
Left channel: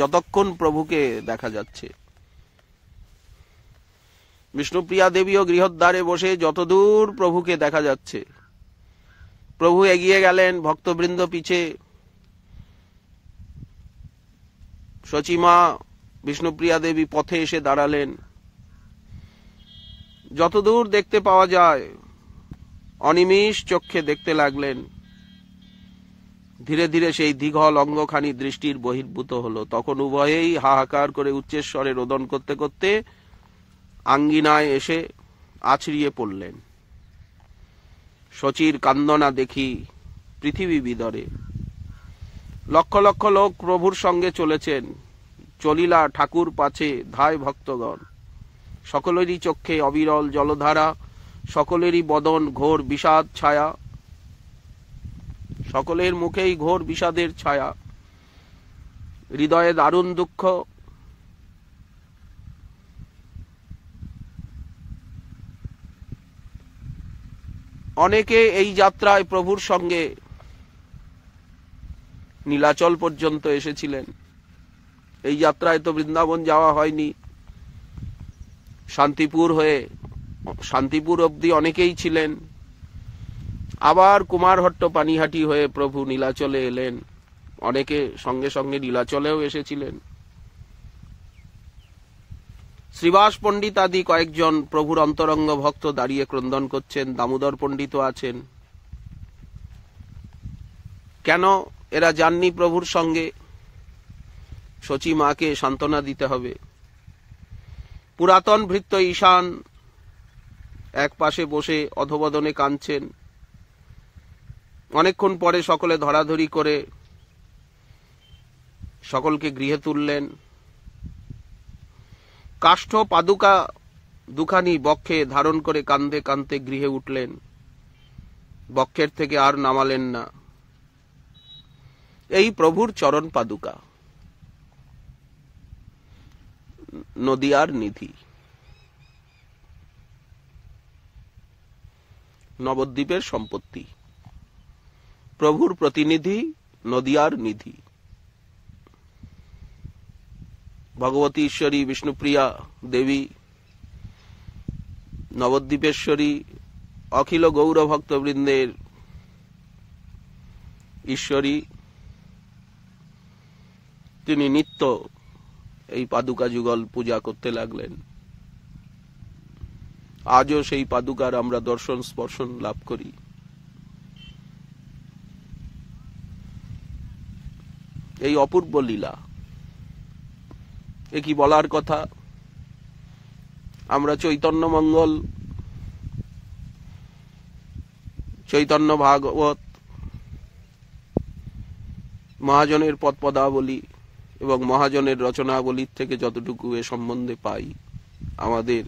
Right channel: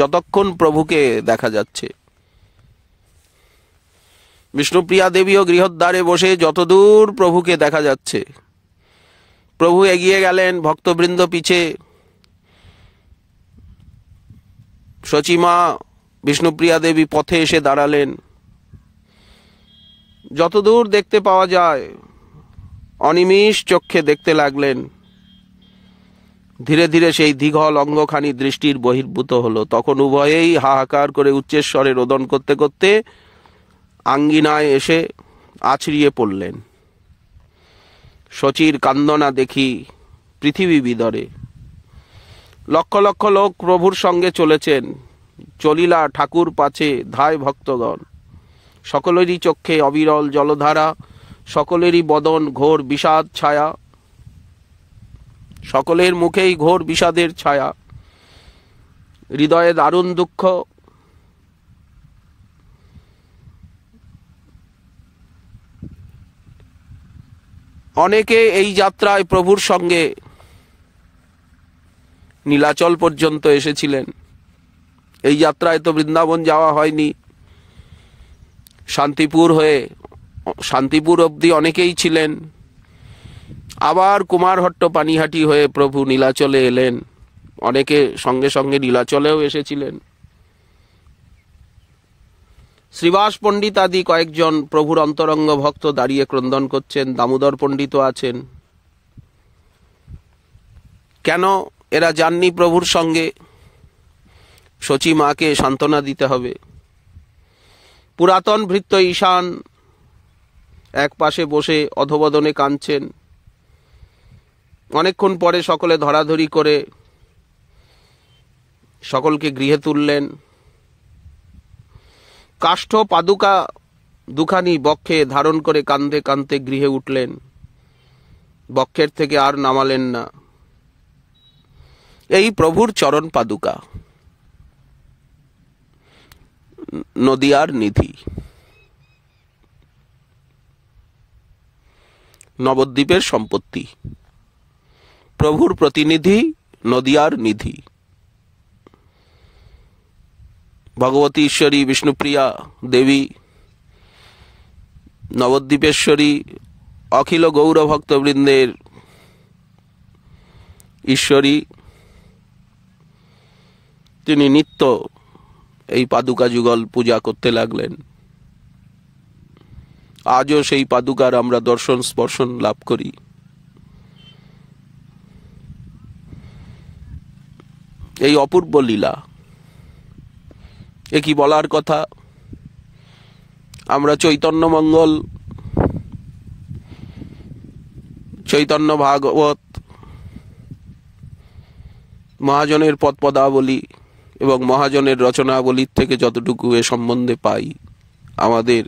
যতক্ষণ প্রভুকে দেখা যাচ্ছে। বিষ্ণুপ্রিয়া দেবীও গৃহদ্বারে বসে যতদূর প্রভুকে দেখা যাচ্ছে। প্রভু এগিয়ে গেলেন, ভক্তবৃন্দ পিছে। শচীমা বিষ্ণুপ্রিয়া দেবী পথে এসে দাঁড়ালেন। যতদূর দেখতে পাওয়া যায় অনিমিষ চক্ষে দেখতে লাগলেন। ধীরে ধীরে সেই দীঘল অঙ্গখানি দৃষ্টির বহির্ভূত হলো। তখন উভয়েই হাহাকার করে উচ্চস্বরে রোদন করতে করতে আঙ্গিনায় এসে আছড়িয়ে পড়লেন। শচীর কান্দনা দেখি পৃথিবী বিদরে। লক্ষ লক্ষ লোক প্রভুর সঙ্গে চলেছেন। চলিলা ঠাকুর পাছে ধায় ভক্তগণ। সকলেরই চক্ষে অবিরল জলধারা, সকলেরই বদন ঘোর বিষাদ ছায়া, সকলের মুখেই ঘোর বিষাদের ছায়া, হৃদয়ে দারুণ দুঃখ। অনেকে এই যাত্রায় প্রভুর সঙ্গে নীলাচল পর্যন্ত এসেছিলেন। এই যাত্রায় তো বৃন্দাবন যাওয়া হয়নি। শান্তিপুর অবধি অনেকেই ছিলেন। আবার কুমারহট্ট পানিহাটি হয়ে প্রভু নীলাচলে এলেন। অনেকে সঙ্গে সঙ্গে নীলাচলেও এসেছিলেন। শ্রীবাস পণ্ডিত আদি কয়েকজন প্রভুর অন্তরঙ্গ ভক্ত দাঁড়িয়ে ক্রন্দন করছেন। দামোদর পণ্ডিতও আছেন। কেন এরা যাননি প্রভুর সঙ্গে? শচী মাকে সান্ত্বনা দিতে হবে। পুরাতন ভৃত্য ঈশান এক পাশে বসে অধবদনে কাঁদছেন। অনেকক্ষণ পরে সকলে ধরাধরি করে সকলকে গৃহে তুললেন। কাষ্ঠ পাদুকা দুখানি বক্ষে ধারণ করে কাঁদতে কাঁদতে গৃহে উঠলেন। বক্ষের থেকে আর নামালেন না। এই প্রভুর চরণ পাদুকা, নদিয়ার নিধি। নবদ্বীপের সম্পত্তি, প্রভুর প্রতিনিধি, নদিয়ার নিধি। ভগবতী ঈশ্বরী বিষ্ণুপ্রিয়া দেবী, নবদ্বীপেশ্বরী, অখিল গৌরভক্তবৃন্দের ঈশ্বরী তিনি নিত্য এই পাদুকা যুগল পূজা করতে লাগলেন। আজও সেই পাদুকার আমরা দর্শন স্পর্শন লাভ করি। এই অপূর্ব লীলা, এ কি বলার কথা। আমরা চৈতন্য মঙ্গল, চৈতন্য ভাগবত, মহাজনের পদপদাবলী এবং মহাজনের রচনাবলীর থেকে যতটুকু এ সম্বন্ধে পাই, আমাদের